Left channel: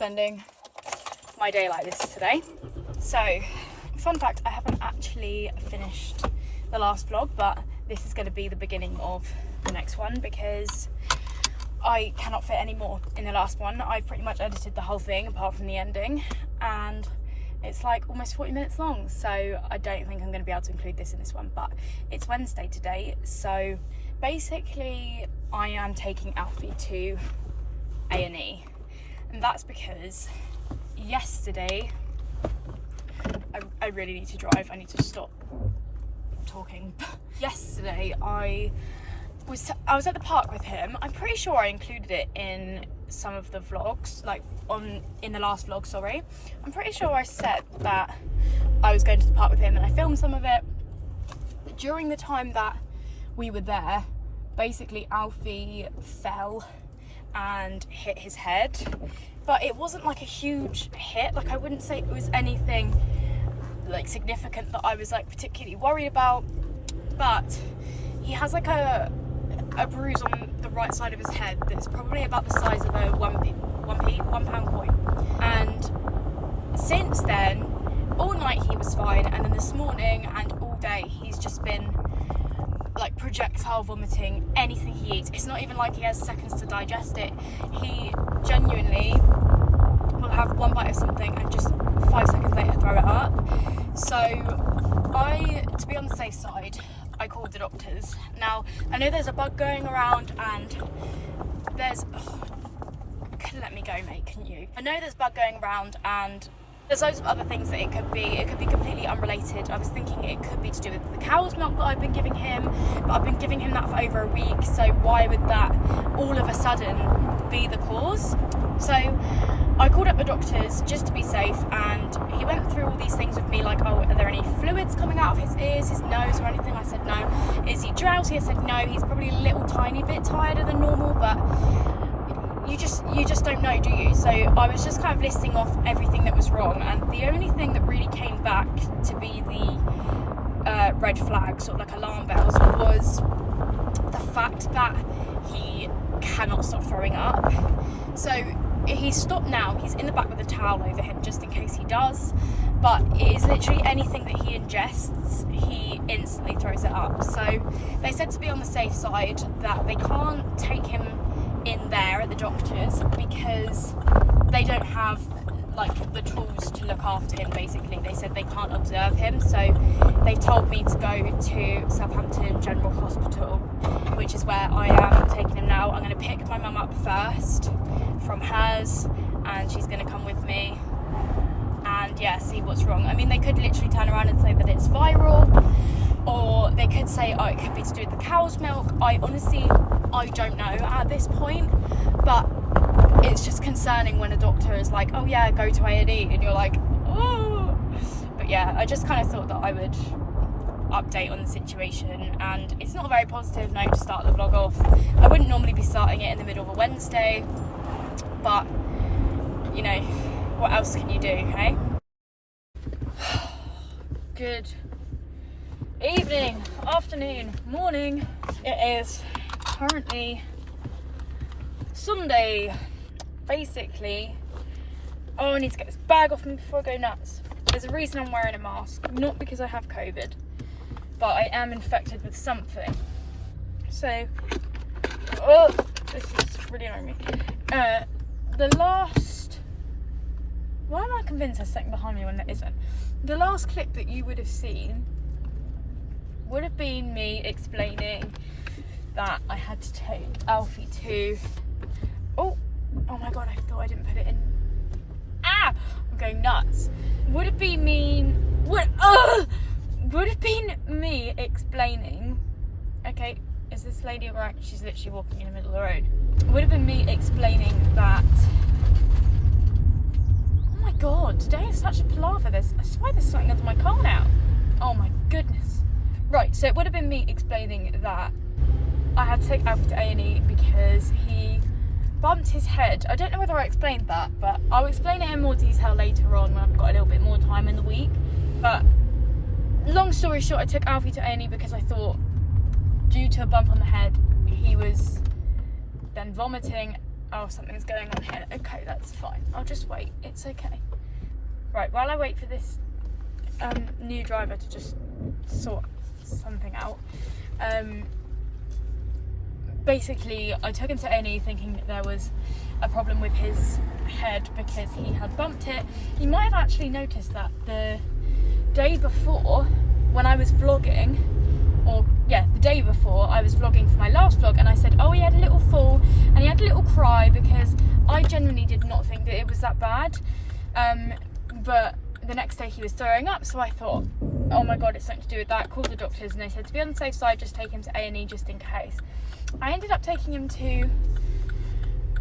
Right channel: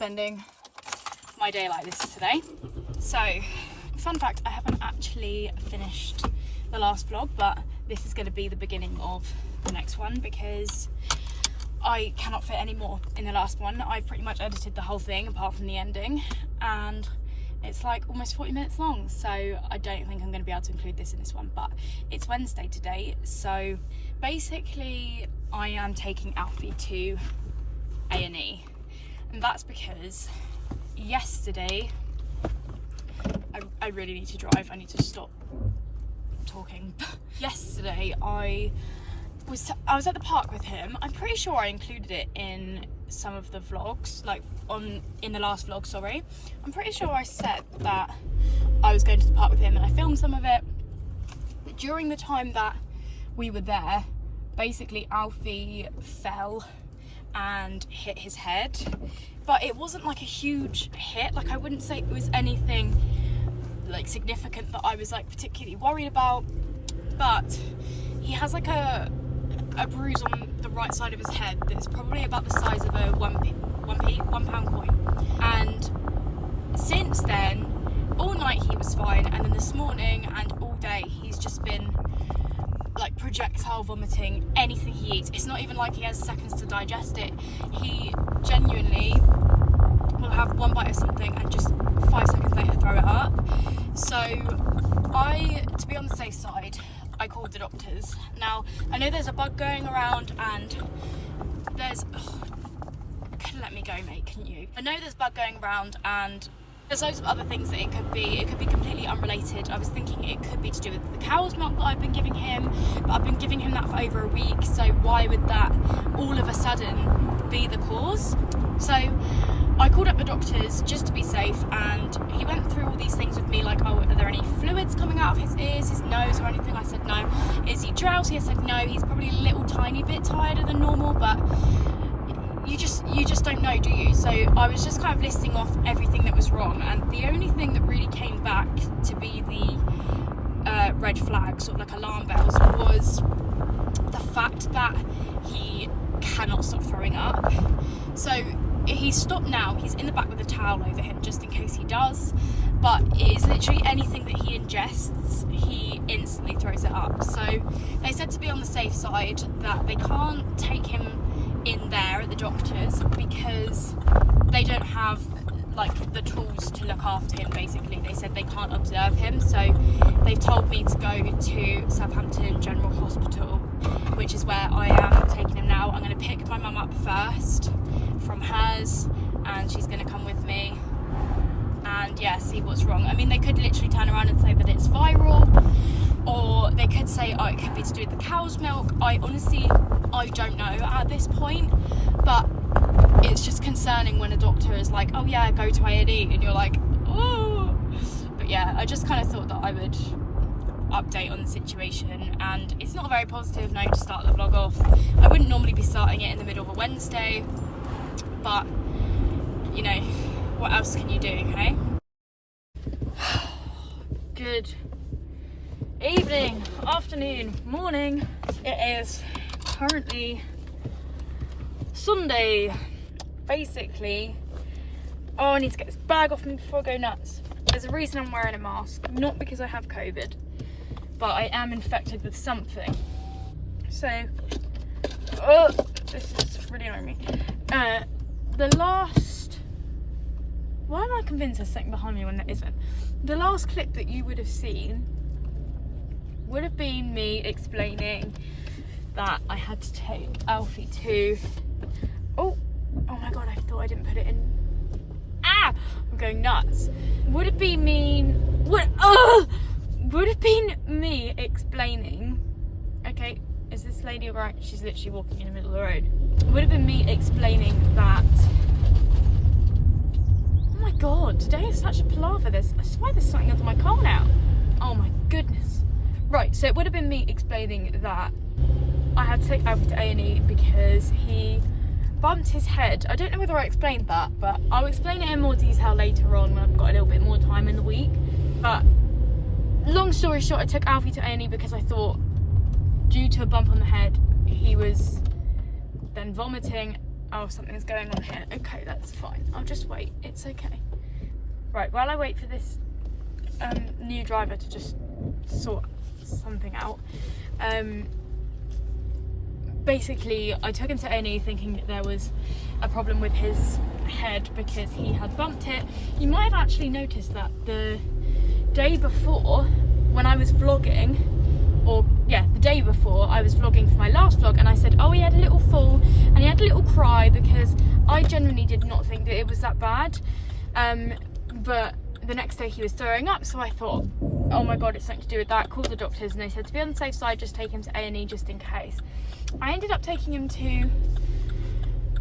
spending my day like this today. So, fun fact, I haven't actually finished the last vlog, but this is going to be the beginning of the next one because I cannot fit any more in the last one. I've pretty much edited the whole thing apart from the ending, and it's like almost 40 minutes long, so I don't think I'm going to be able to include this in this one. But it's Wednesday today, so basically I am taking Alfie to A&E, and that's because yesterday I really need to drive. I need to stop talking. Yesterday I was at the park with him. I'm pretty sure I included it in some of the vlogs, like in the last vlog, sorry. I'm pretty sure I said that I was going to the park with him and I filmed some of it. But during the time that we were there, basically Alfie fell and hit his head. But it wasn't like a huge hit. Like, I wouldn't say it was anything like significant that I was like particularly worried about. But he has like a bruise on the right side of his head that's probably about the size of a £1 coin. And since then, all night he was fine, and then this morning and all day he's just been like projectile vomiting anything he eats. It's not even like he has seconds to digest it. He genuinely will have one bite of something and just 5 seconds later throw it up. So to be on the safe side, I called the doctors. Now, I know there's a bug going around and there's... let me go, mate, can you? I know there's a bug going around and there's loads of other things that it could be. It could be completely unrelated. I was thinking it could be to do with the cow's milk that I've been giving him, but I've been giving him that for over a week, so why would that all of a sudden be the cause? So I called up the doctors just to be safe, and he went through all these things with me, like, oh, are there any fluids coming out of his ears, his nose or anything? I said no. Is he drowsy? I said no. He's probably a little tiny bit tireder than normal, but you just don't know, do you? So I was just kind of listing off everything that was wrong, and the only thing that really came back to be the red flag, sort of like alarm bells, was the fact that he cannot stop throwing up. So he's stopped now. He's in the back with a towel over him just in case he does, but it is literally anything that he ingests, he instantly throws it up. So they said to be on the safe side that they can't take him in there at the doctors because they don't have like the tools to look after him. Basically, they said they can't observe him, so they told me to go to Southampton General Hospital, which is where I am taking him now. I'm going to pick my mum up first from hers, and she's going to come with me and yeah, see what's wrong. I mean, they could literally turn around and say that it's viral, or they could say, oh, it could be to do with the cow's milk. I don't know at this point, but it's just concerning when a doctor is like, oh yeah, go to A&E, and you're like, oh. But yeah, I just kind of thought that I would update on the situation, and it's not a very positive note to start the vlog off. I wouldn't normally be starting it in the middle of a Wednesday, but you know, what else can you do, hey? Good evening, afternoon, morning. It is currently Sunday. Basically, oh, I need to get this bag off me before I go nuts. There's a reason I'm wearing a mask, not because I have COVID, but I am infected with something. So, oh, this is really annoying me. Why am I convinced there's something behind me when there isn't? The last clip that you would have seen would have been me explaining that I had to take Alfie to... Oh my god, I thought I didn't put it in. Ah! I'm going nuts. Would have been me explaining... Okay, is this lady alright? She's literally walking in the middle of the road. Would have been me explaining that... Oh my god, today is such a palaver. I swear there's something under my car now. Oh my goodness. Right, so it would have been me explaining that I had to take Alfie to A&E because he bumped his head. I don't know whether I explained that, but I'll explain it in more detail later on when I've got a little bit more time in the week. But long story short, I took Alfie to A&E because I thought, due to a bump on the head, he was then vomiting Oh, something's going on here. Okay, that's fine. I'll just wait. It's okay. Right, while I wait for this new driver to just sort something out, basically I took him to A&E thinking that there was a problem with his head because he had bumped it. You might have actually noticed that the day before when I was vlogging, or yeah, the day before I was vlogging for my last vlog, and I said, oh, he had a little fall and he had a little cry, because I genuinely did not think that it was that bad. But the next day he was throwing up, so I thought, oh my god, it's something to do with that. Called the doctors and they said to be on the safe side, just take him to A&E just in case. I ended up taking him to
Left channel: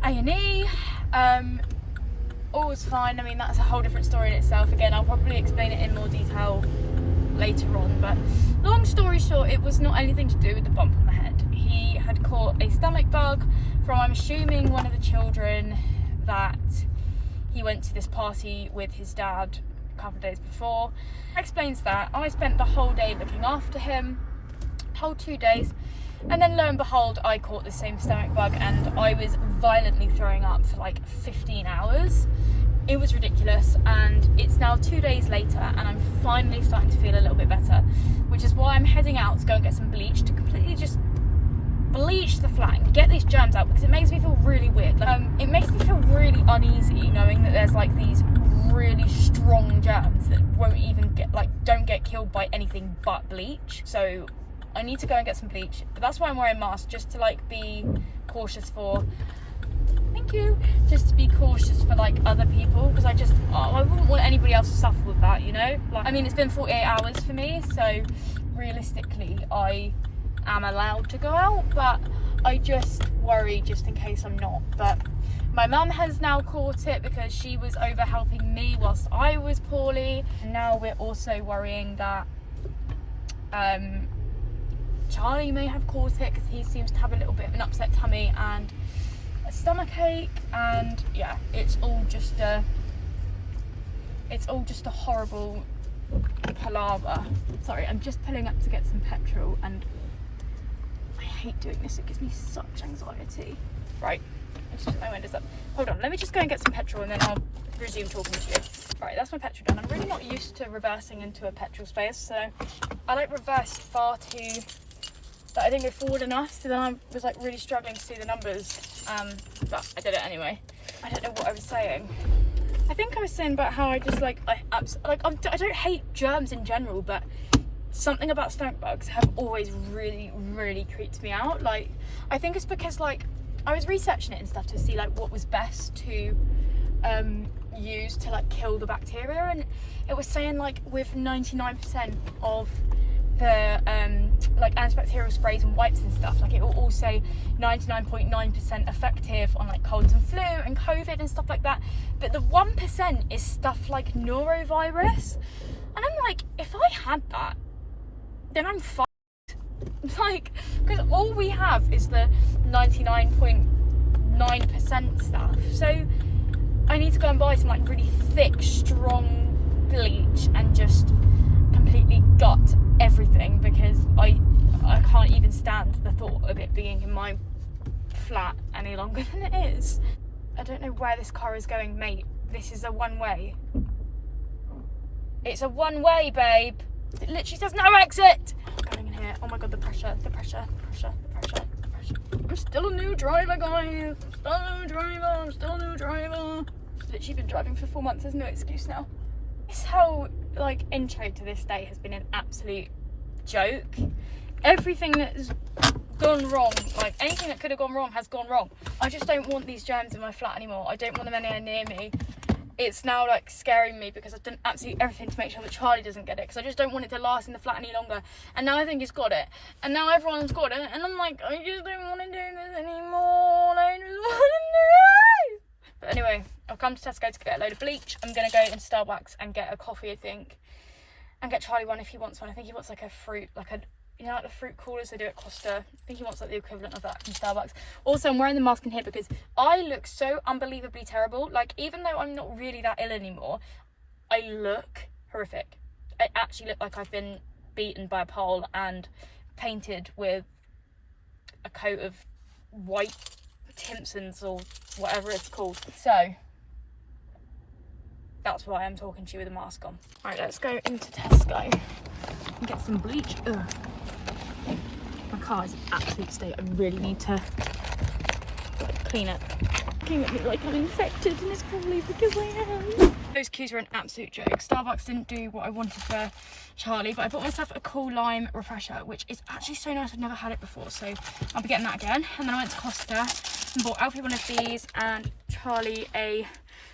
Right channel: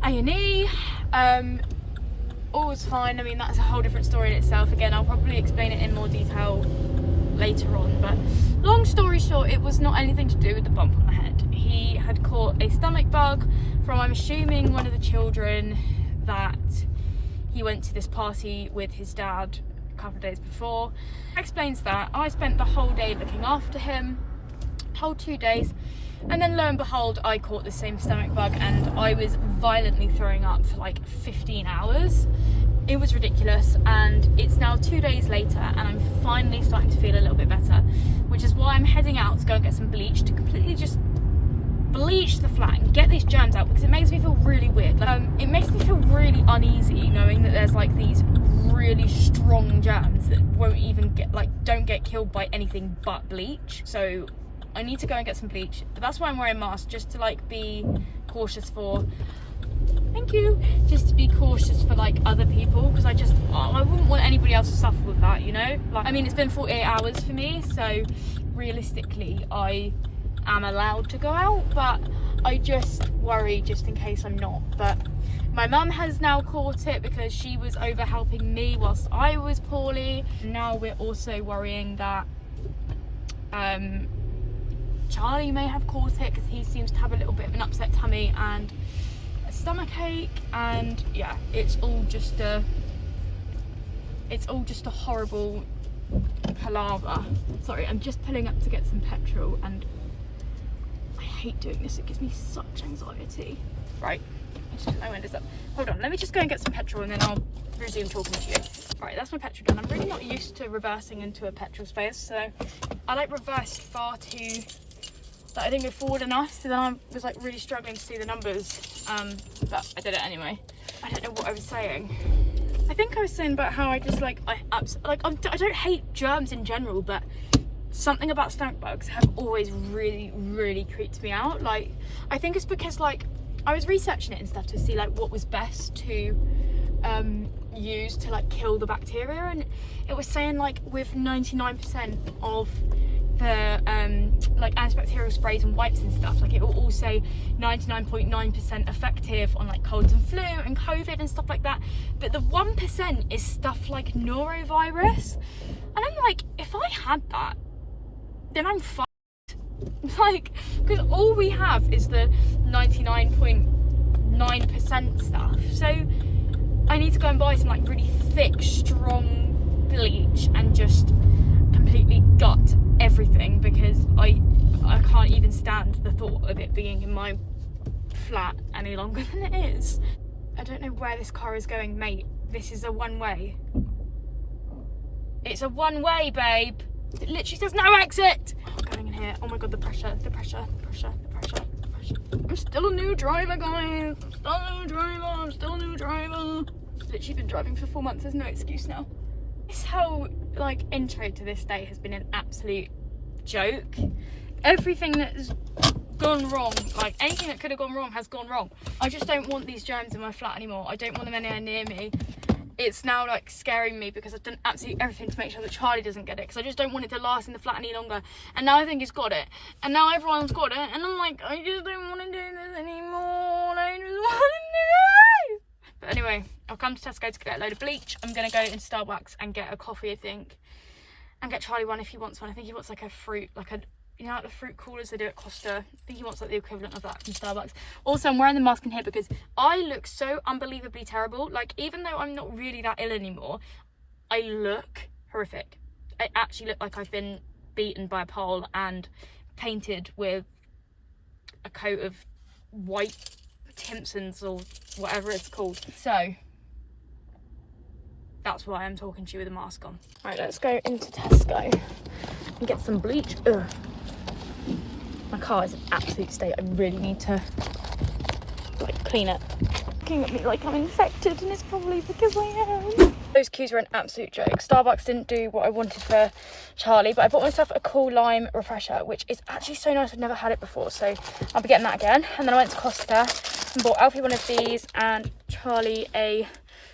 A&E. All was fine. I mean, that's a whole different story in itself. Again, I'll probably explain it in more detail later on, but long story short, it was not anything to do with the bump on the head. He had caught a stomach bug from, I'm assuming, one of the children that he went to this party with his dad a couple of days before. Explains that. I spent the whole day looking after him, whole 2 days, and then lo and behold, I caught the same stomach bug and I was violently throwing up for like 15 hours. It was ridiculous, and it's now 2 days later and I'm finally starting to feel a little bit better, which is why I'm heading out to go and get some bleach to completely just bleach the flat and get these germs out, because it makes me feel really weird. Like, it makes me feel really uneasy knowing that there's like these really strong germs that won't even get, like, don't get killed by anything but bleach. So I need to go and get some bleach, but that's why I'm wearing a mask, just to like be cautious for, thank you, just to be cautious for like other people, because I wouldn't want anybody else to suffer with that, you know. Like, I mean, it's been 48 hours for me, so realistically I am allowed to go out, but I just worry just in case I'm not. But my mum has now caught it because she was over helping me whilst I was poorly. Now we're also worrying that Charlie may have caught it, because he seems to have a little bit of an upset tummy and a stomach ache, and yeah, it's all just a horrible palaver. Sorry, I'm just pulling up to get some petrol and I hate doing this, it gives me such anxiety. Right, let's just put my windows up. Hold on, let me just go and get some petrol and then I'll resume talking to you. Right, that's my petrol done. I'm really not used to reversing into a petrol space, so I like reversed far too, that I didn't go forward enough, so then I was like really struggling to see the numbers, but I did it anyway. I don't know what I was saying. I think I was saying about how I just I don't hate germs in general, but something about stomach bugs have always really creeped me out. Like, I think it's because like I was researching it and stuff to see like what was best to use to like kill the bacteria, and it was saying like with 99% of the like antibacterial sprays and wipes and stuff, like it will all say 99.9% effective on like colds and flu and COVID and stuff like that, but the 1% is stuff like norovirus, and I'm like, if I had that, then I'm fucked. Like, because all we have is the 99.9% stuff, so I need to go and buy some like really thick, strong bleach and just completely gut everything, because I can't even stand the thought of it being in my flat any longer than it is. I don't know where this car is going, mate. This is a one-way. It's a one-way, babe. It literally says no exit. I'm going in here. Oh my god, the pressure. I'm still a new driver, guys. I'm still a new driver. Literally been driving for 4 months. There's no excuse now. This whole like intro to this day has been an absolute joke. Everything that's gone wrong, like anything that could have gone wrong, has gone wrong. I just don't want these germs in my flat anymore. I don't want them anywhere near me. It's now like scaring me because I've done absolutely everything to make sure that Charlie doesn't get it, because I just don't want it to last in the flat any longer. And now I think he's got it, and now everyone's got it, and I'm like, I just don't want to do this anymore. I just want to do it. But anyway, I've come to Tesco to get a load of bleach. I'm gonna go into Starbucks and get a coffee, I think, and get Charlie one if he wants one. I think he wants like a fruit, like a, you know, like the fruit coolers they do at Costa. I think he wants like the equivalent of that from Starbucks. Also, I'm wearing the mask in here because I look so unbelievably terrible. Like, even though I'm not really that ill anymore, I look horrific. I actually look like I've been beaten by a pole and painted with a coat of white Timpsons or whatever it's called. So that's why I'm talking to you with a mask on. Right, let's go into Tesco and get some bleach. Ugh. My car is in absolute state. I really need to like clean it. Looking at me like I'm infected, and it's probably because I am. Those queues were an absolute joke. Starbucks didn't do what I wanted for Charlie, but I bought myself a cool lime refresher, which is actually so nice. I've never had it before, so I'll be getting that again. And then I went to Costa and bought Alfie one of these and Charlie a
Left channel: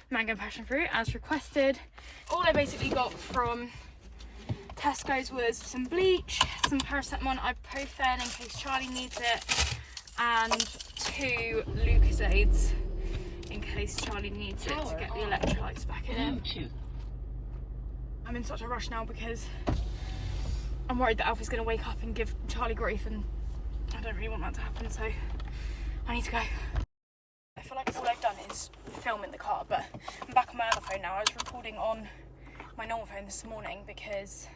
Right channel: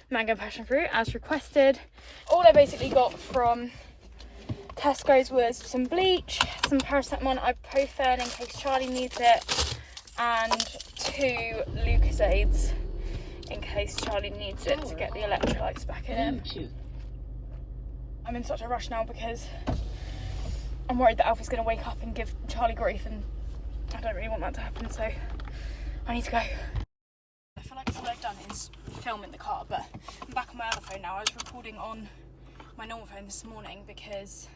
mango passion fruit as requested. All I basically got from Tesco's was some bleach, some paracetamol, ibuprofen in case Charlie needs it, and 2 Lucasades in case Charlie needs it to get the electrolytes back in him. I'm in such a rush now because I'm worried that Alfie's going to wake up and give Charlie grief, and I don't really want that to happen, so I need to go. I feel like all I've done is film in the car, but I'm back on my other phone now. I was recording on my normal phone this morning because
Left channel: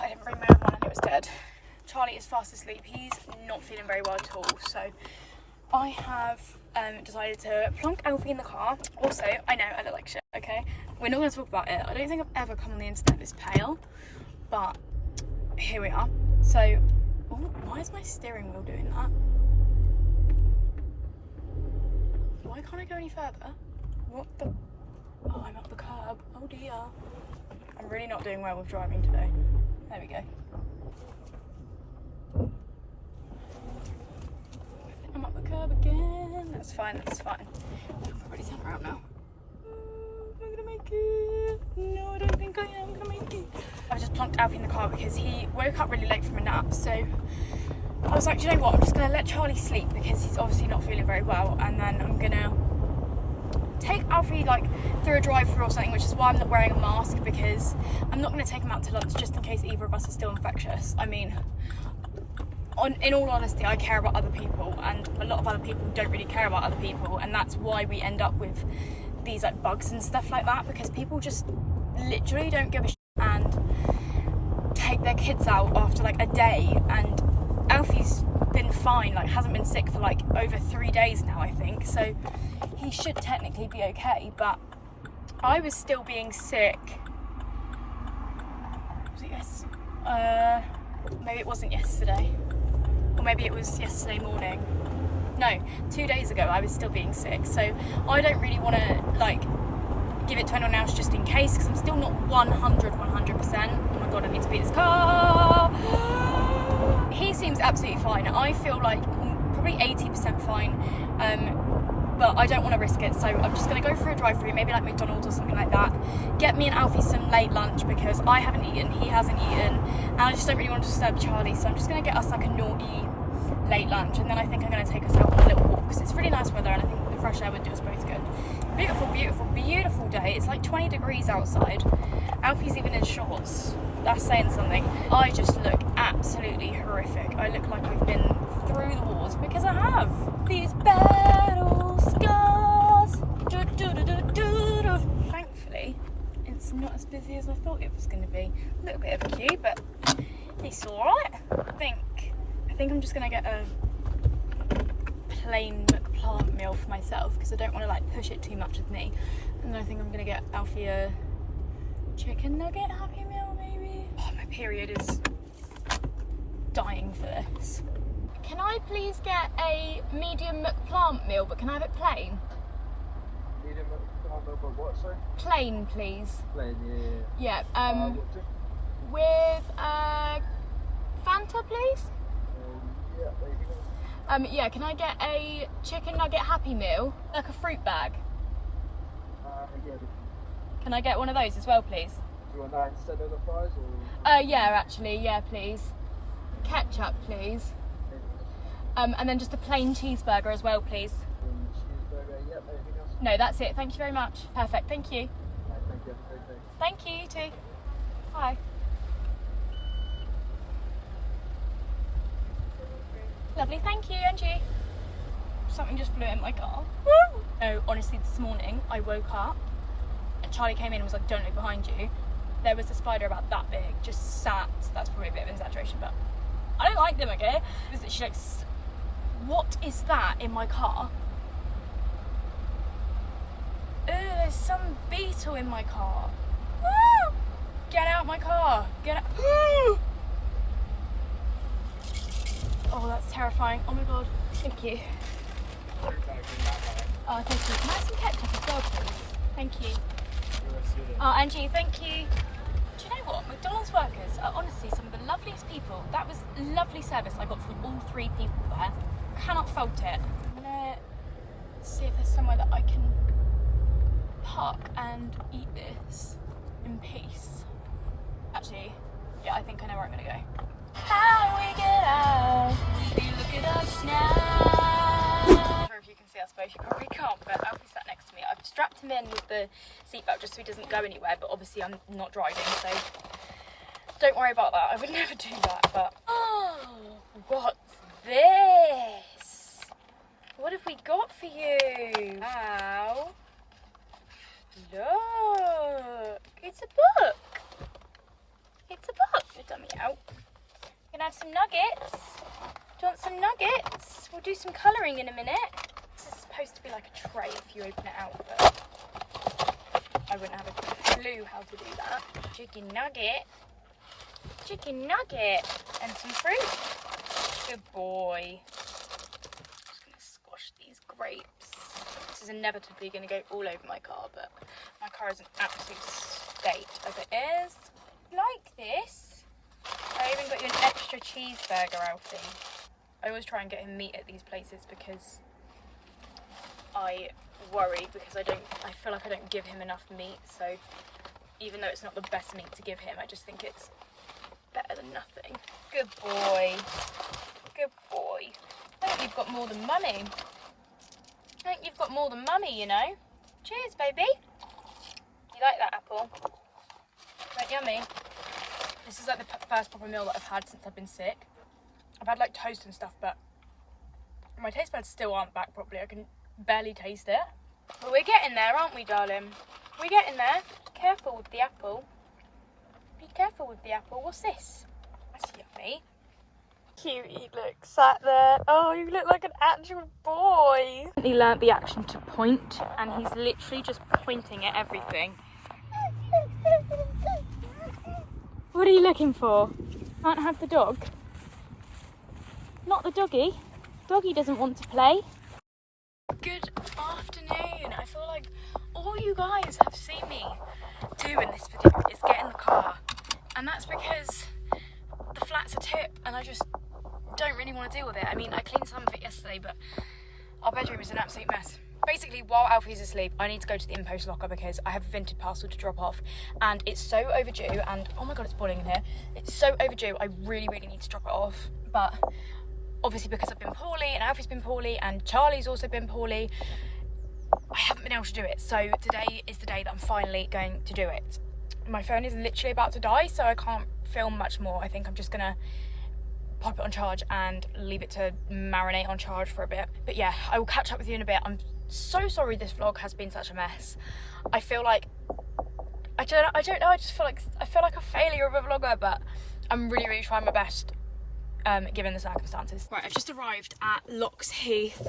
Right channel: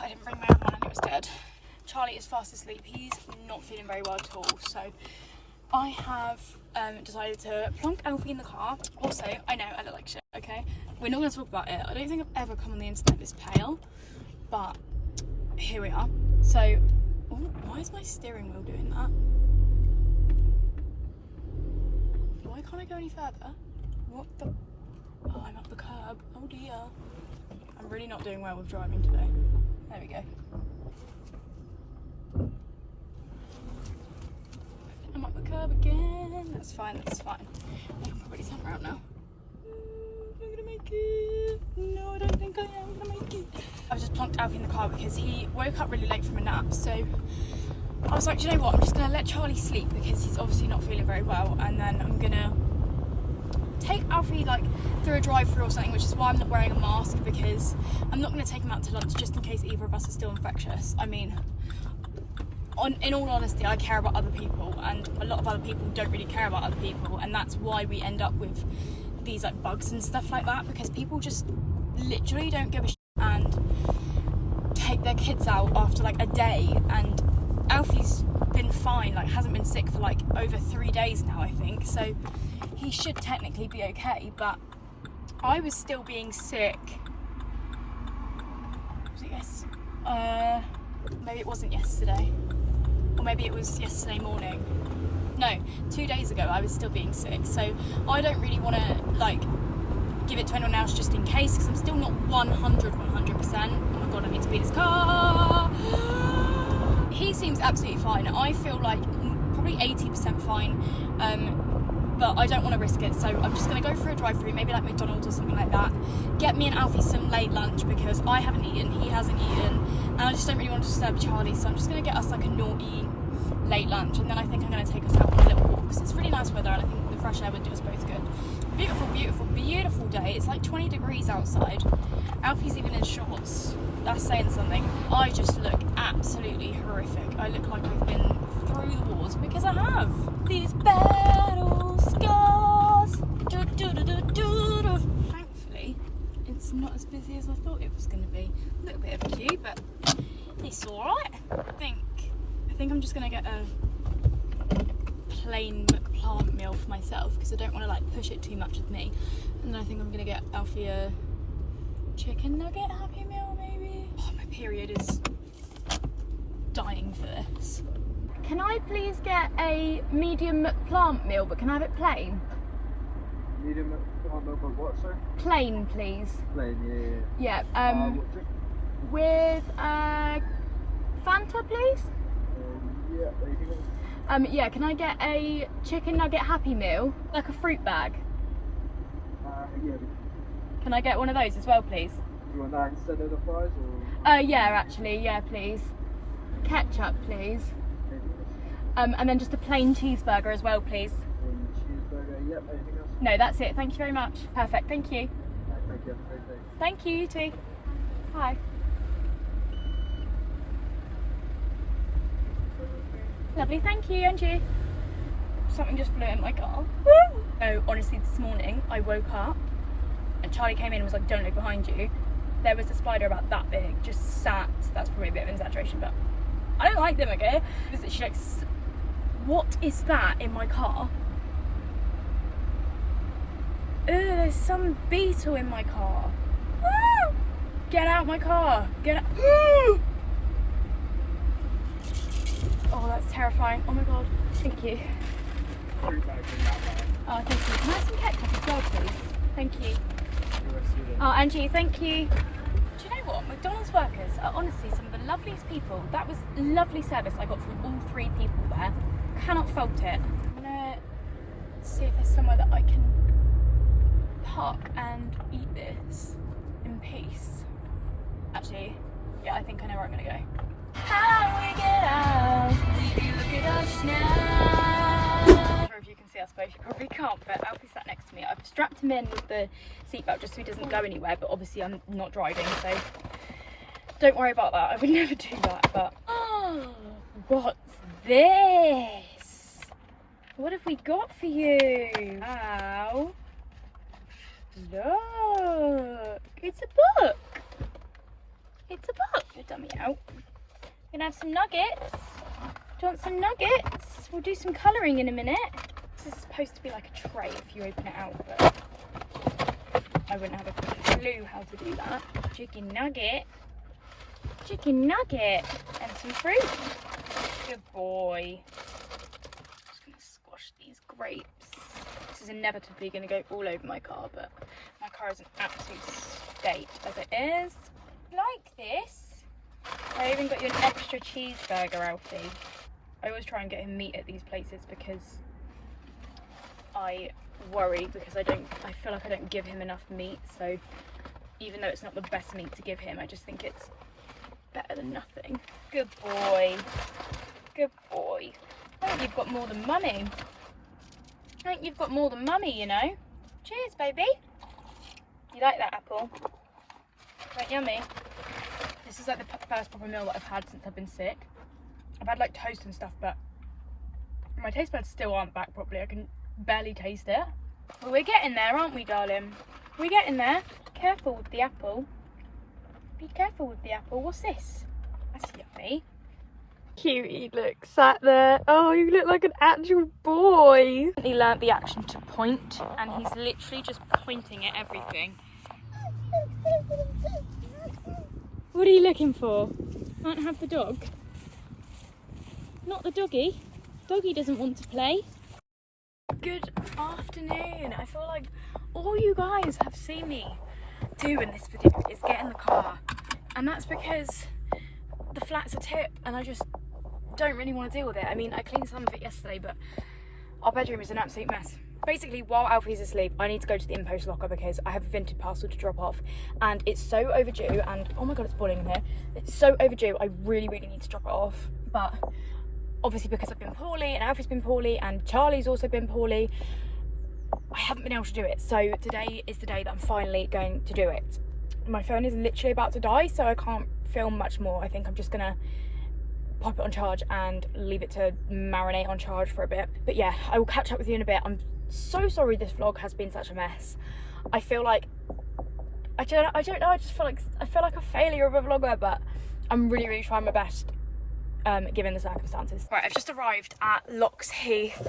I didn't bring my other one and it was dead. Charlie is fast asleep. He's not feeling very well at all, so I have decided to plonk Alfie in the car. Also, I know I look like shit, okay? We're not going to talk about it. I don't think I've ever come on the internet this pale, but here we are. So, ooh, why is my steering wheel doing that? Why can't I go any further? What the? Oh, I'm up the curb. Oh dear. I'm really not doing well with driving today. There we go. I'm up the curb again. That's fine, that's fine. I can probably turn around now. I'm not gonna make it. No, I don't think I am gonna make it. I just plunked Alfie in the car because he woke up really late from a nap, so I was like, do you know what, I'm just gonna let Charlie sleep because he's obviously not feeling very well, and then I'm gonna take Alfie like through a drive-through or something, which is why I'm not wearing a mask, because I'm not going to take him out to lunch just in case either of us is still infectious. I mean, in all honesty, I care about other people, and a lot of other people don't really care about other people, and that's why we end up with these like bugs and stuff like that, because people just literally don't give a shit and take their kids out after like a day. And Alfie's been fine, like hasn't been sick for like over 3 days now, I think, so he should technically be okay. But I was still being sick. Was it maybe it wasn't yesterday, or maybe it was yesterday morning. No, 2 days ago I was still being sick, so I don't really want to like give it to anyone else just in case, because I'm still not 100%. Oh my god, I need to beat this car. He seems absolutely fine. I feel like probably 80% fine, but I don't want to risk it, so I'm just going to go for a drive-through, maybe like McDonald's or something like that, get me and Alfie some late lunch because I haven't eaten, he hasn't eaten, and I just don't really want to disturb Charlie, so I'm just going to get us like a naughty late lunch, and then I think I'm going to take us out on a little walk because it's really nice weather, and I think the fresh air would do us both good. Beautiful, beautiful, beautiful day. It's like 20 degrees outside. Alfie's even in shorts. That's saying something. I just look absolutely horrific. I look like I've been through the wars, because I have. These battle scars. Do, do, do, do, do, do. Thankfully, it's not as busy as I thought it was going to be. A little bit of a queue, but it's alright. I think I'm just going to get a plain McPlant meal for myself, because I don't want to like push it too much with me. And then I think I'm going to get Alfie a chicken nugget Happy Meal maybe. Oh, my period is dying for this. Can I please get a medium McPlant meal, but can I have it plain? Medium McPlant meal, but what, sir? Plain, please. Plain, yeah. Yeah, with Fanta, please? Yeah, anything else? Yeah, can I get a chicken nugget Happy Meal, like a fruit bag? Yeah. Can I get one of those as well, please? Do you want that instead of the fries, or? Yeah, actually, yeah, please. Ketchup, please. And then just a plain cheeseburger as well, please. Plain cheeseburger, yep, anything else? No, that's it. Thank you very much. Perfect, thank you. Right, thank you, have a great day. Thank you, you too. Bye. Lovely, thank you, and you. Something just flew in my car. Woo! So honestly, this morning I woke up and Charlie came in and was like, don't look behind you. There was a spider about that big, just sat. That's probably a bit of an exaggeration, but I don't like them, okay? She like What is that in my car? Ooh, there's some beetle in my car. Ah! Get out my car. Get out. Oh, that's terrifying. Oh my god. Thank you. Thank you. Can I have some ketchup as well, please? Thank you. Oh, Angie, thank you. Do you know what? McDonald's workers are honestly some of the loveliest people. That was lovely service I got from all 3 people there. Cannot fault it. I'm gonna see if there's somewhere that I can park and eat this in peace. Actually, yeah, I think I know where I'm gonna go. How do we get out? Look at us now. I'm not sure if you can see, I suppose you probably can't, but Alfie sat next to me. I've strapped him in with the seatbelt just so he doesn't go anywhere, but obviously I'm not driving, so don't worry about that. I would never do that, but oh, what's this? What have we got for you? Ow. Look, it's a book. It's a book. Your dummy out. We're gonna have some nuggets. Do you want some nuggets? We'll do some colouring in a minute. This is supposed to be like a tray if you open it out, but I wouldn't have a clue how to do that. Chicken nugget. Chicken nugget. And some fruit. Good boy. Just gonna squash these grapes. This is inevitably gonna go all over my car, but my car is an absolute state as it is. Like this. I even got you an extra cheeseburger, Alfie. I always try and get him meat at these places because I worry because I feel like I don't give him enough meat, so even though it's not the best meat to give him, I just think it's better than nothing. Good boy. Good boy. I think you've got more than mummy. I think you've got more than mummy, you know. Cheers, baby. You like that apple? Is that yummy? This is like the first proper meal that I've had since I've been sick. I've had like toast and stuff, but my taste buds still aren't back properly. I can barely taste it. But we're getting there, aren't we, darling? We're getting there. Careful with the apple. Be careful with the apple. What's this? That's yummy. Cutie, look, sat there. Oh, you look like an actual boy. He learnt the action to point, and he's literally just pointing at everything. What are you looking for? Can't have the dog. Not the doggy. Doggy doesn't want to play. Good afternoon. I feel like all you guys have seen me do in this video is get in the car, and that's because the flat's a tip and I just don't really want to deal with it. I mean, I cleaned some of it yesterday, but our bedroom is an absolute mess. Basically, while Alfie's asleep, I need to go to the in-post locker because I have a vintage parcel to drop off, and it's so overdue, and oh my god, it's boiling in here. It's so overdue, I really need to drop it off, but obviously because I've been poorly, and Alfie's been poorly, and Charlie's also been poorly, I haven't been able to do it. So today is the day that I'm finally going to do it. My phone is literally about to die, so I can't film much more. I think I'm just gonna pop it on charge and leave it to marinate on charge for a bit. But yeah, I will catch up with you in a bit. I'm so sorry this vlog has been such a mess. I feel like I don't know, I just feel like a failure of a vlogger, but I'm really trying my best given the circumstances. Right, I've just arrived at Lox Heath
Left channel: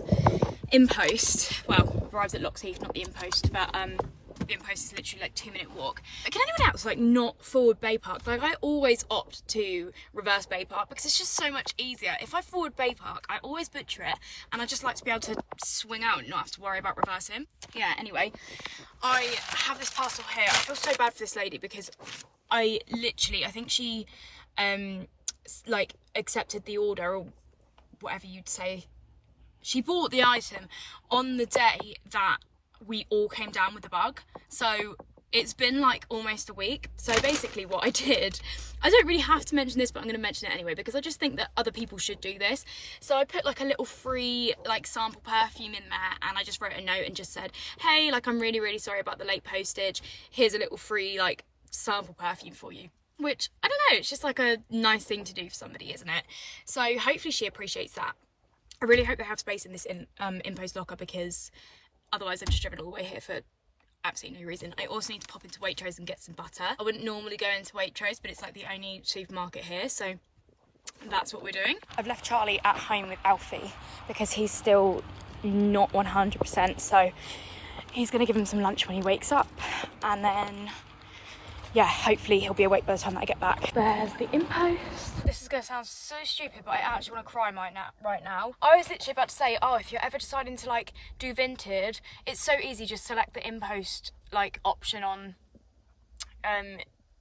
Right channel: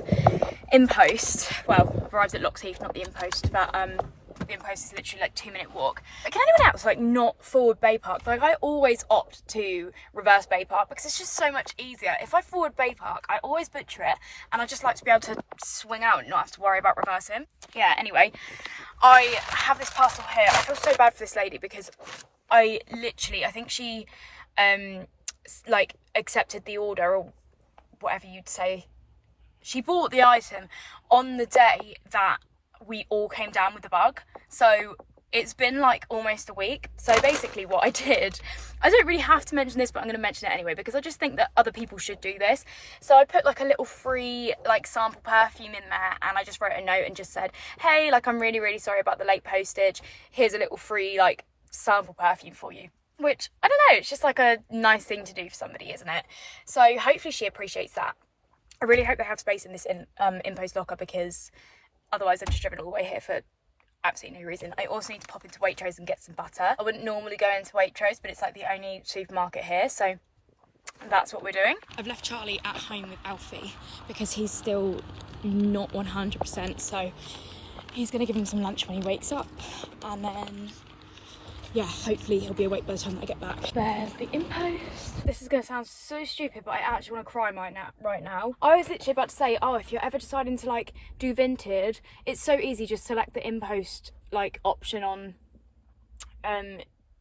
in post. Well, I've arrived at Lox Heath, not the in post, but the in post is literally like 2-minute walk. But can anyone else like not forward Bay Park? Like, I always opt to reverse Bay Park because it's just so much easier. If I forward Bay Park, I always butcher it, and I just like to be able to swing out and not have to worry about reversing. Yeah, anyway, I have this parcel here. I feel so bad for this lady because I think she like accepted the order, or whatever you'd say. She bought the item on the day that we all came down with the bug, so it's been like almost a week. So basically what I did, I don't really have to mention this, but I'm going to mention it anyway because I just think that other people should do this. So I put like a little free like sample perfume in there, and I just wrote a note and just said, hey, like, I'm really sorry about the late postage, here's a little free like sample perfume for you. Which, I don't know, it's just like a nice thing to do for somebody, isn't it? So hopefully she appreciates that. I really hope they have space in this in-post locker because otherwise I've just driven all the way here for absolutely no reason. I also need to pop into Waitrose and get some butter. I wouldn't normally go into Waitrose, but it's like the only supermarket here, so that's what we're doing. I've left Charlie at home with Alfie because he's still not 100%, so he's gonna give him some lunch when he wakes up, and then yeah, hopefully he'll be awake by the time that I get back. There's the impost. This is gonna sound so stupid, but I actually want to cry right now. I was literally about to say, oh, if you're ever deciding to like do vintage, it's so easy, just select the impost like option on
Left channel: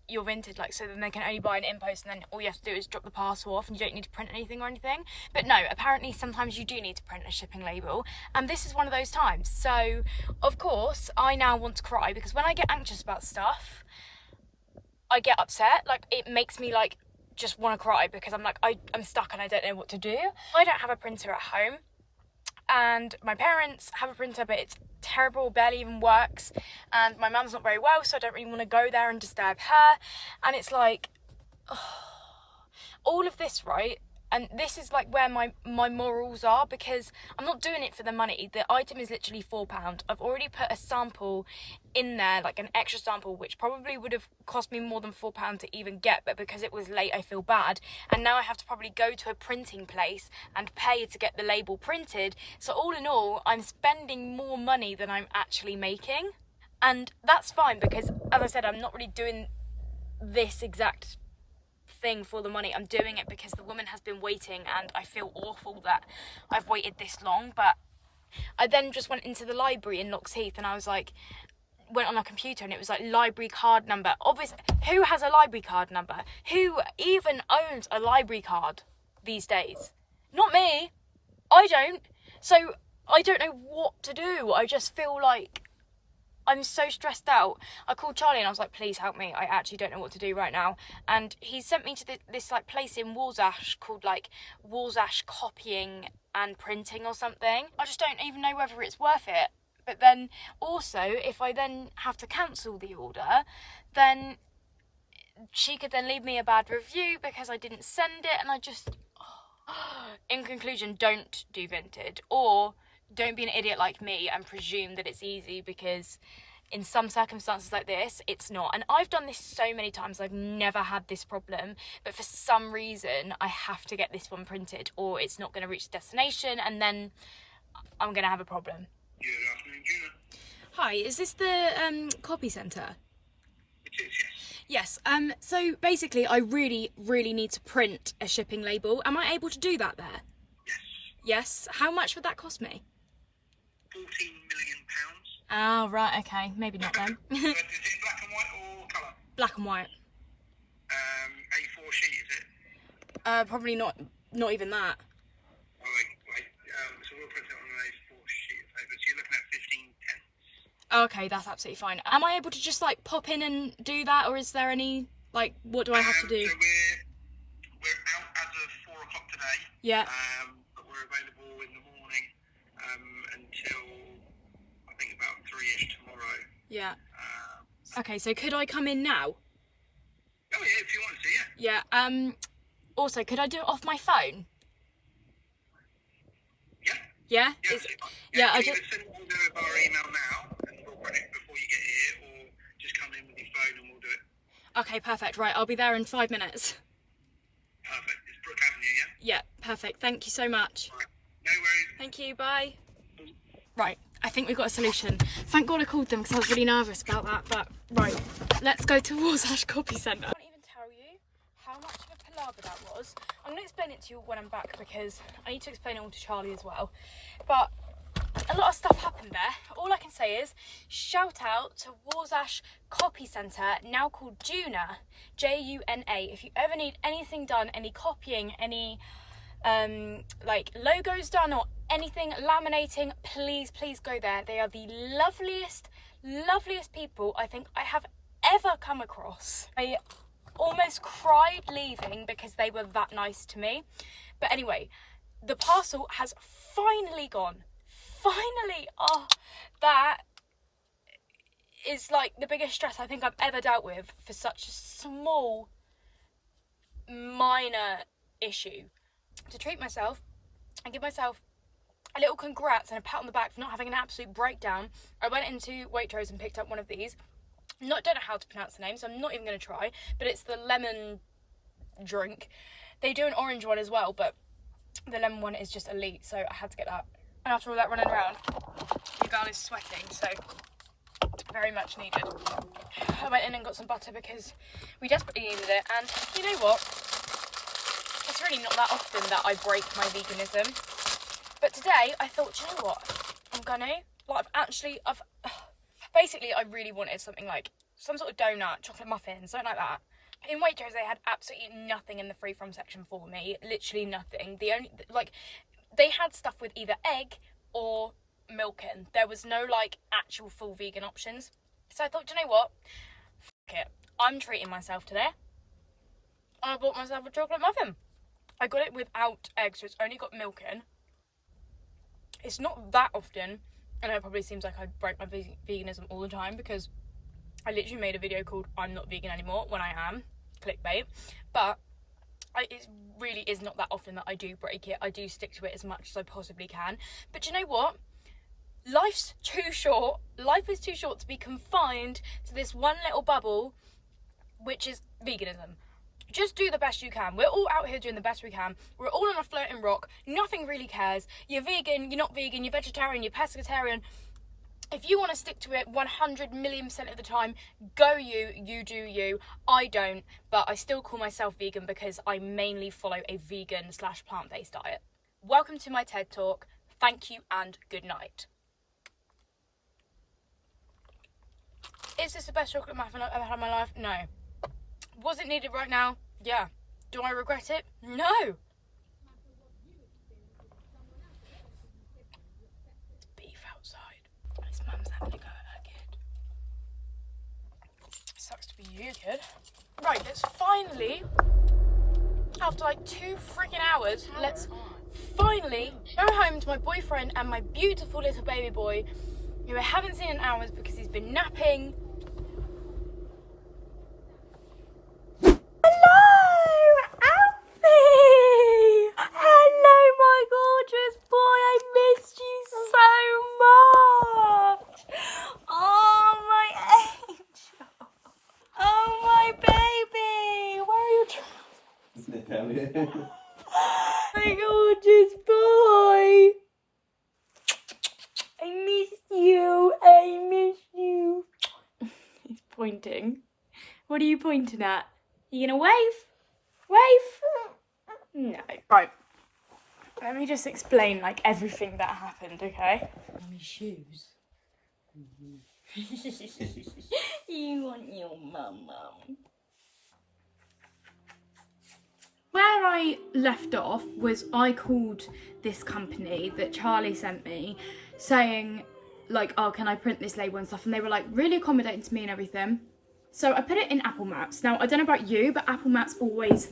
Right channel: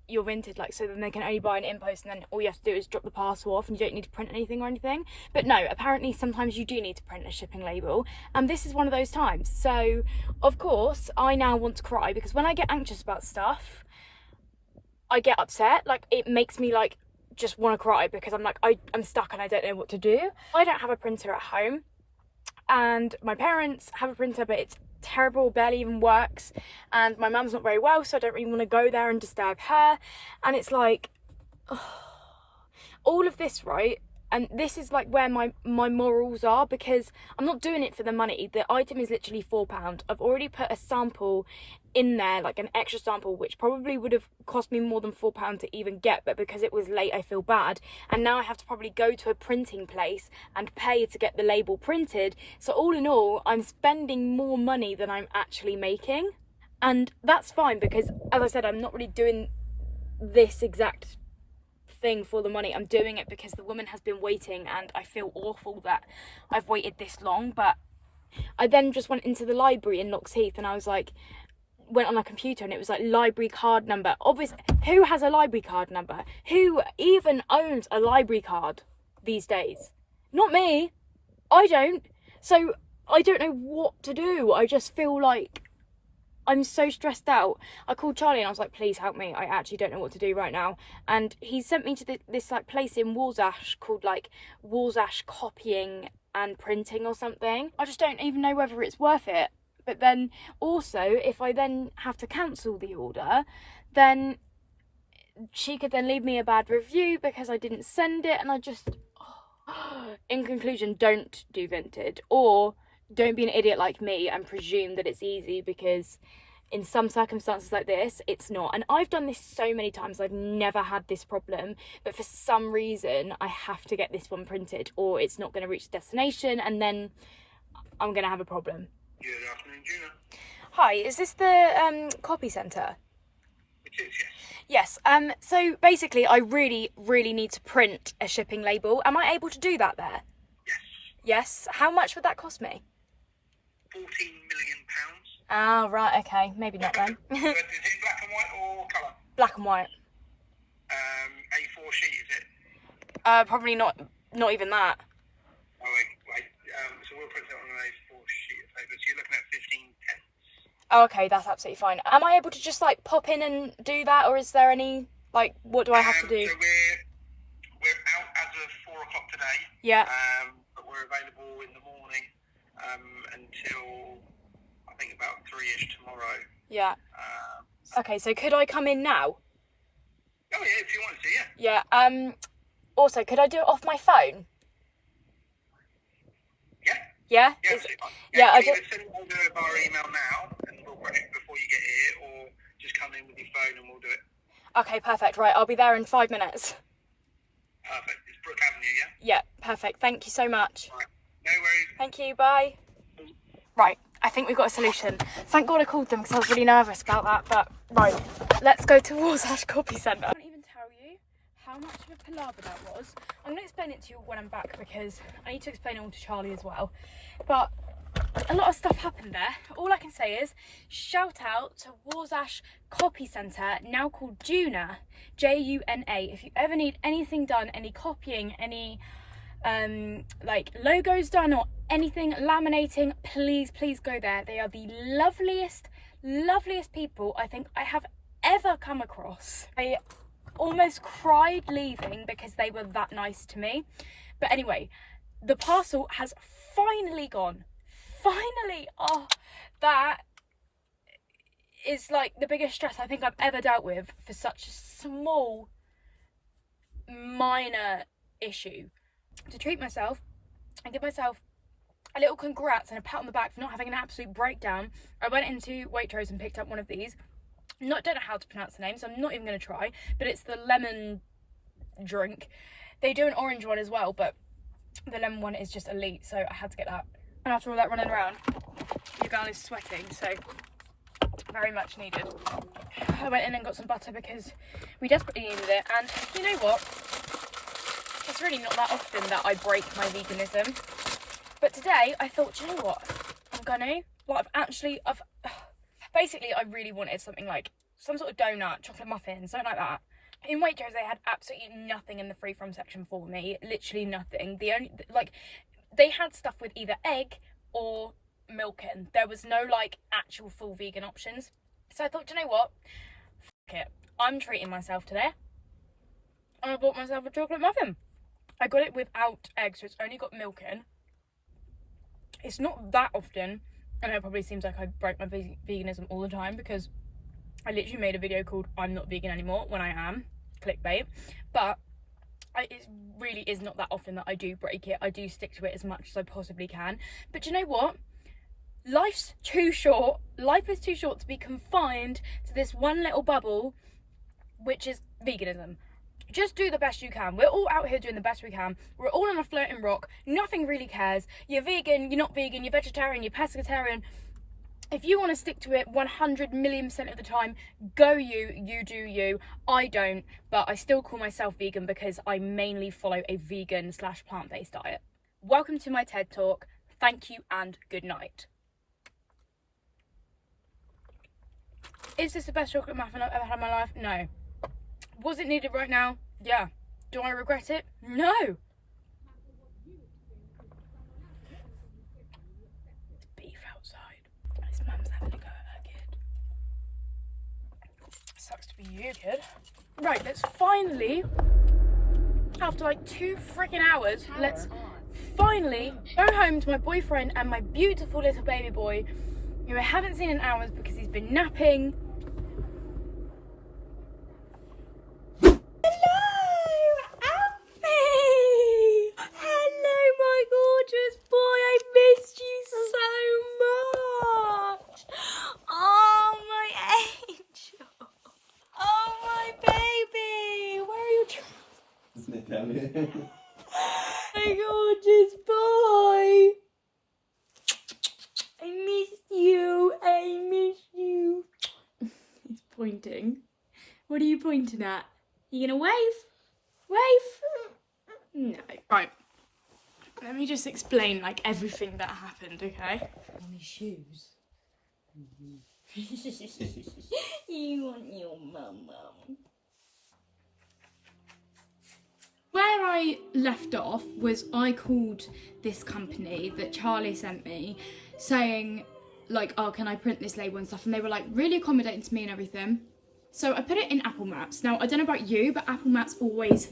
your vintage, like, so then they can only buy an impost, and then all you have to do is drop the parcel off and you don't need to print anything or anything. But no, apparently sometimes you do need to print a shipping label, and this is one of those times. So of course I now want to cry, because when I get anxious about stuff, I get upset. Like, it makes me like just want to cry, because I'm like, I'm stuck and I don't know what to do. I don't have a printer at home, and my parents have a printer, but it's terrible, barely even works, and my mum's not very well, so I don't really want to go there and disturb her. And it's like, oh, all of this, right? And this is like where my morals are, because I'm not doing it for the money. The item is literally £4. I've already put a sample in there, like an extra sample, which probably would have cost me more than £4 to even get, but because it was late I feel bad, and now I have to probably go to a printing place and pay to get the label printed. So all in all, I'm spending more money than I'm actually making, and that's fine, because as I said, I'm not really doing this exact thing for the money. I'm doing it because the woman has been waiting, and I feel awful that I've waited this long. But I then just went into the library in Loxheath, and I was like, went on a computer, and it was like library card number. Obviously, who has a library card number? Who even owns a library card these days? Not me. I don't. So I don't know what to do. I just feel like I'm so stressed out. I called Charlie and I was like, please help me. I actually don't know what to do right now. And he sent me to this like place in Walsash called like Walsash Copying and Printing or something. I just don't even know whether it's worth it. But then also, if I then have to cancel the order, then she could then leave me a bad review because I didn't send it. And I just, in conclusion, don't do vintage, or don't be an idiot like me and presume that it's easy, because in some circumstances like this, it's not. And I've done this so many times, I've never had this problem, but for some reason I have to get this one printed, or it's not going to reach the destination, and then I'm going to have a problem. Good afternoon, Gina. Hi, is this the copy centre? It is, yes. Yes. So basically, I really need to print a shipping label. Am I able to do that there? Yes. Yes. How much would that cost me? £14 million. Ah, right. Okay. Maybe not then. Is it black and white or colour? Black and white. A4 sheet, is it? Probably not even that. Oh, wait. So we'll print it on an A4 sheet of paper. So you're looking at 15 pence. Oh, okay, that's absolutely fine. Am I able to just like pop in and do that, or is there any like, what do I have to do? So we're out as of 4 o'clock today. Yeah. But we're available in the morning until I think about 3ish tomorrow. Yeah. Okay, so could I come in now? Oh yeah, if you want to, yeah. Yeah. Also, could I do it off my phone? Yeah. Yeah. Yeah. Yeah. I You just. can either send it over via email now, and we'll run it before you get here, or just come in with your phone and we'll do it. Okay, perfect. Right, I'll be there in 5 minutes. Perfect. It's Brook Avenue, yeah. Yeah, perfect. Thank you so much. Right. No worries. Thank you. Bye. Right, I think we've got a solution. Thank God I called them, because I was really nervous about that. But right, let's go to Walsash Copy Centre. I can't even tell you how much of a palaver that was. I'm going to explain it to you when I'm back, because I need to explain it all to Charlie as well. But a lot of stuff happened there. All I can say is shout out to Walsash Copy Centre, now called Juna, Juna. If you ever need anything done, any copying, any like logos done or anything, laminating, please go there. They are the loveliest people I think I have ever come across. I almost cried leaving because they were that nice to me. But anyway, the parcel has finally gone. Finally. Oh, that is like the biggest stress I think I've ever dealt with for such a small, minor issue. To treat myself and give myself a little congrats and a pat on the back for not having an absolute breakdown, I went into Waitrose and picked up one of these. Don't know how to pronounce the name, so I'm not even going to try, but it's the lemon drink. They do an orange one as well, but the lemon one is just elite, so I had to get that. And after all that running around, your girl is sweating, so very much needed. I went in and got some butter because we desperately needed it, and you know what? It's really not that often that I break my veganism. But today, I thought, do you know what? I'm gonna, like, basically, I really wanted something like some sort of donut, chocolate muffin, something like that. In Waitrose, they had absolutely nothing in the free from section for me. Literally nothing. The only, like, they had stuff with either egg or milk in. There was no, like, actual full vegan options. So I thought, do you know what? Fuck it. I'm treating myself today. And I bought myself a chocolate muffin. I got it without eggs, so it's only got milk in. It's not that often. I know it probably seems like I break my veganism all the time because I literally made a video called I'm not vegan anymore when I am. Clickbait. But it really is not that often that I do break it. I do stick to it as much as I possibly can. But do you know what? Life's too short. Life is too short to be confined to this one little bubble, which is veganism. Just do the best you can. We're all out here doing the best we can. We're all on a floating rock. Nothing really cares. You're vegan, you're not vegan, you're vegetarian, you're pescatarian. If you want to stick to it 100,000,000% of the time, go you do you. I don't, but I still call myself vegan because I mainly follow a vegan / plant-based diet. Welcome to my TED Talk. Thank you and good night. Is this the best chocolate muffin I've ever had in my life? No. Was it needed right now? Yeah. Do I regret it? No. It's beef outside. His mum's having a go at her kid. Sucks to be you, kid. Right, let's finally, after like 2 freaking hours, let's finally go home to my boyfriend and my beautiful little baby boy, who I haven't seen in hours because he's been napping. My gorgeous boy. I miss you. I miss you. He's pointing. What are you pointing at? You gonna wave? Wave? No. Right. Let me just explain like everything that happened, okay? My shoes. You want your mum. Where I left off was I called this company that Charlie sent me saying like, oh, can I print this label and stuff? And they were like really accommodating to me and everything. So I put it in Apple Maps. Now, I don't know about you, but Apple Maps always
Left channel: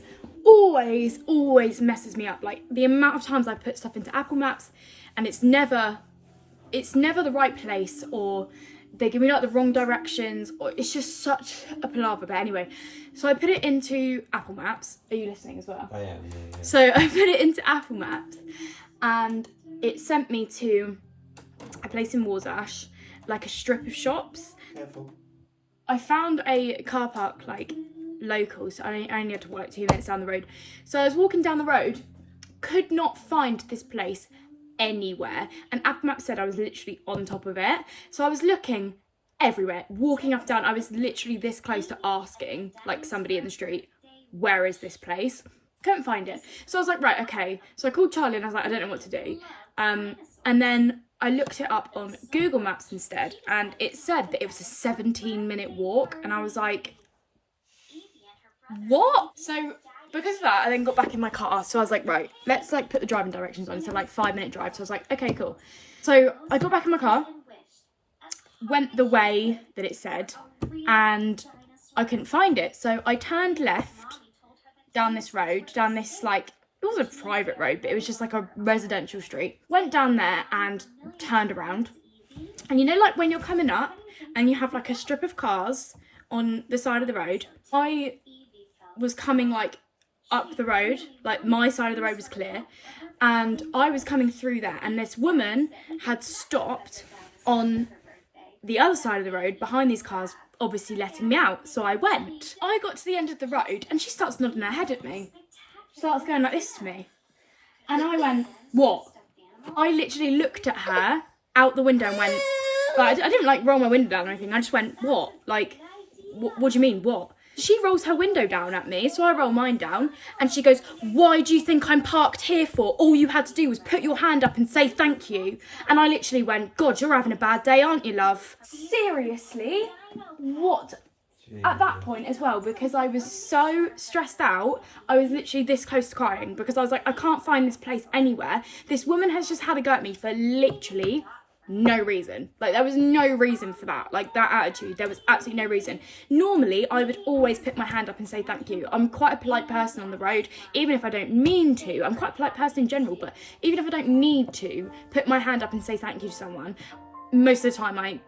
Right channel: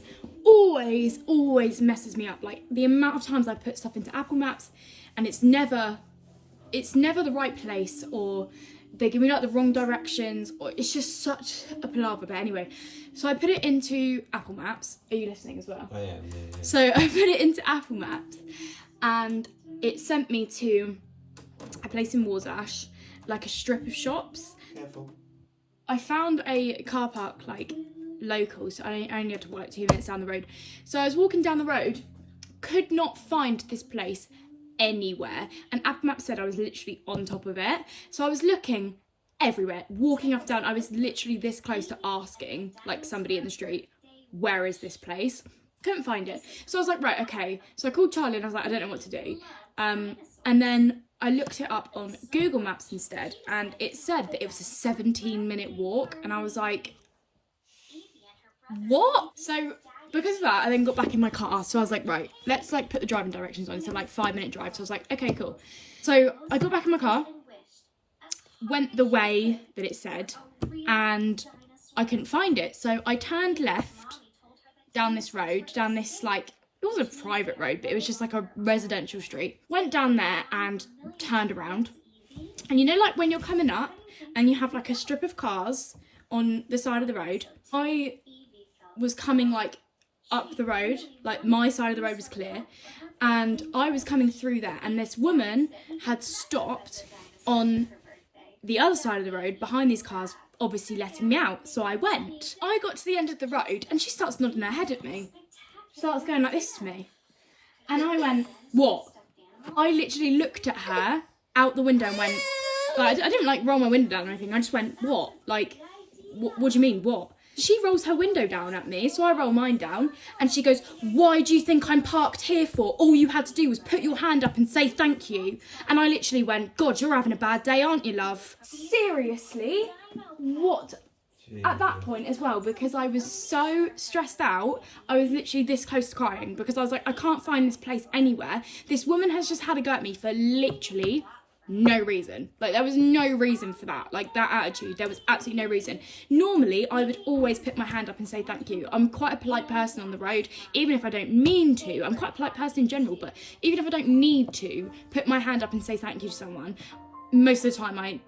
messes me up. Like the amount of times I put stuff into Apple Maps and it's never the right place, or they give me like the wrong directions, or it's just such a palaver. But anyway, so I put it into Apple Maps. Are you listening as well? I am, yeah. So I put it into Apple Maps and it sent me to a place in Warsash, like a strip of shops. Careful. I found a car park like local, so I only had to walk 2 minutes down the road. So I was walking down the road, could not find this place anywhere, and Apple Maps said I was literally on top of it. So I was looking everywhere, walking up and down. I was literally this close to asking like somebody in the street, where is this place? Couldn't find it. So I was like, right, okay. So I called Charlie and I was like, I don't know what to do. And then I looked it up on Google Maps instead, and it said that it was a 17-minute walk, and I was like, what? So because of that, I then got back in my car. So I was like, right, let's like put the driving directions on. So like 5-minute drive. So I was like, okay, cool. So I got back in my car, went the way that it said, and I couldn't find it. So I turned left down this road, down this like, it was a private road, but it was just like a residential street. Went down there and turned around. And you know, like when you're coming up and you have like a strip of cars on the side of the road, I was coming like up the road, like my side of the road was clear, and I was coming through there, and this woman had stopped on the other side of the road behind these cars, obviously letting me out. So I went. I got to the end of the road and she starts nodding her head at me. starts going like this to me. And I went, what? I literally looked at her out the window and went, like, I didn't like roll my window down or anything. I just went, what? Like, what do you mean, what? She rolls her window down at me, so I roll mine down, and she goes, why do you think I'm parked here for? All you had to do was put your hand up and say thank you. And I literally went, God, you're having a bad day, aren't you, love? Seriously? What? At that point as well, because I was so stressed out, I was literally this close to crying, because I was like, I can't find this place anywhere. This woman has just had a go at me for literally no reason. Like, there was no reason for that. Like, that attitude, there was absolutely no reason. Normally, I would always put my hand up and say thank you. I'm quite a polite person on the road, even if I don't mean to. I'm quite a polite person in general, but even if I don't need to put my hand up and say thank you to someone, most of the time I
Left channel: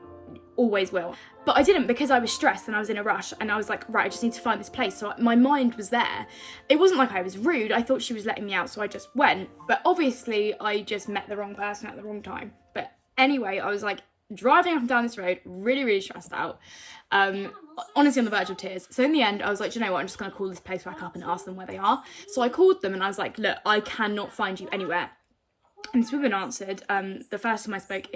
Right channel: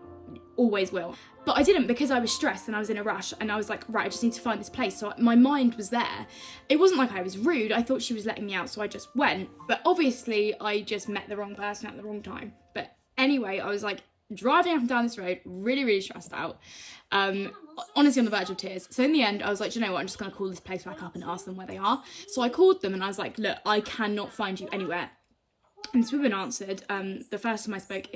always will. But I didn't, because I was stressed and I was in a rush, and I was like, right, I just need to find this place. So my mind was there. It wasn't like I was rude. I thought she was letting me out, so I just went. But obviously I just met the wrong person at the wrong time. But anyway, I was like driving up and down this road, really stressed out, honestly on the verge of tears. So in the end, I was like, do you know what, I'm just going to call this place back up and ask them where they are. So I called them and I was like, look, I cannot find you anywhere. And this woman answered. The first time I spoke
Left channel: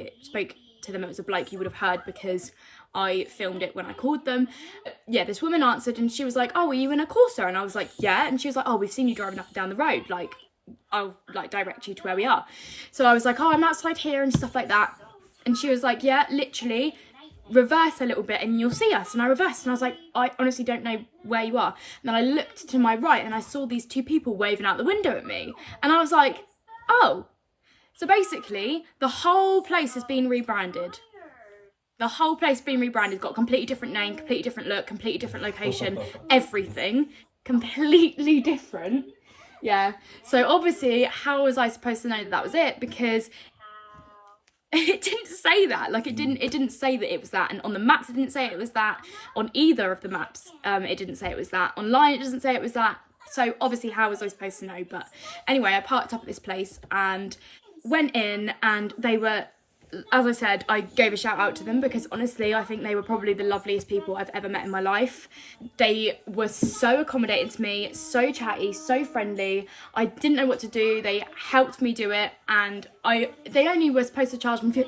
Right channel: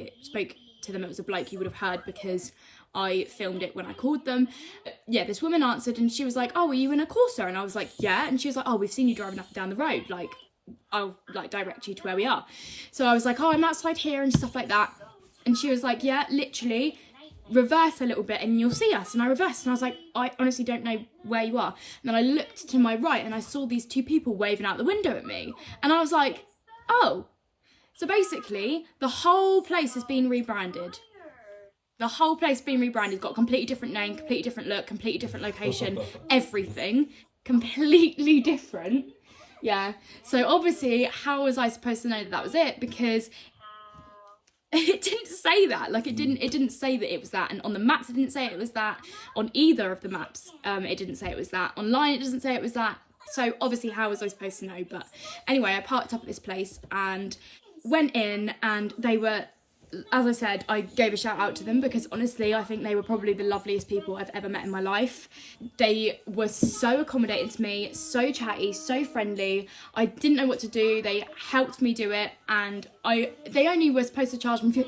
to them, it was a bloke you would have heard, because I filmed it when I called them. Yeah, this woman answered and she was like, oh, were you in a Corsa? And I was like, yeah. And she was like, oh, we've seen you driving up and down the road, like, I'll like direct you to where we are. So I was like, oh, I'm outside here and stuff like that. And she was like, yeah, literally reverse a little bit and you'll see us. And I reversed and I was like, I honestly don't know where you are. And then I looked to my right and I saw these two people waving out the window at me, and I was like, oh, so basically the whole place has been rebranded. The whole place being rebranded, got a completely different name, completely different look, completely different location, everything completely different. Yeah, so obviously, how was I supposed to know that that was it? Because it didn't say that. Like, it didn't say that it was that. And on the maps, it didn't say it was that. On either of the maps, it didn't say it was that. Online, it doesn't say it was that. So obviously, how was I supposed to know? But anyway, I parked up at this place and went in, and they were, as I said, I gave a shout out to them because honestly, I think they were probably the loveliest people I've ever met in my life. They were so accommodating to me, so chatty, so friendly. I didn't know what to do. They helped me do it, and they only were supposed to charge me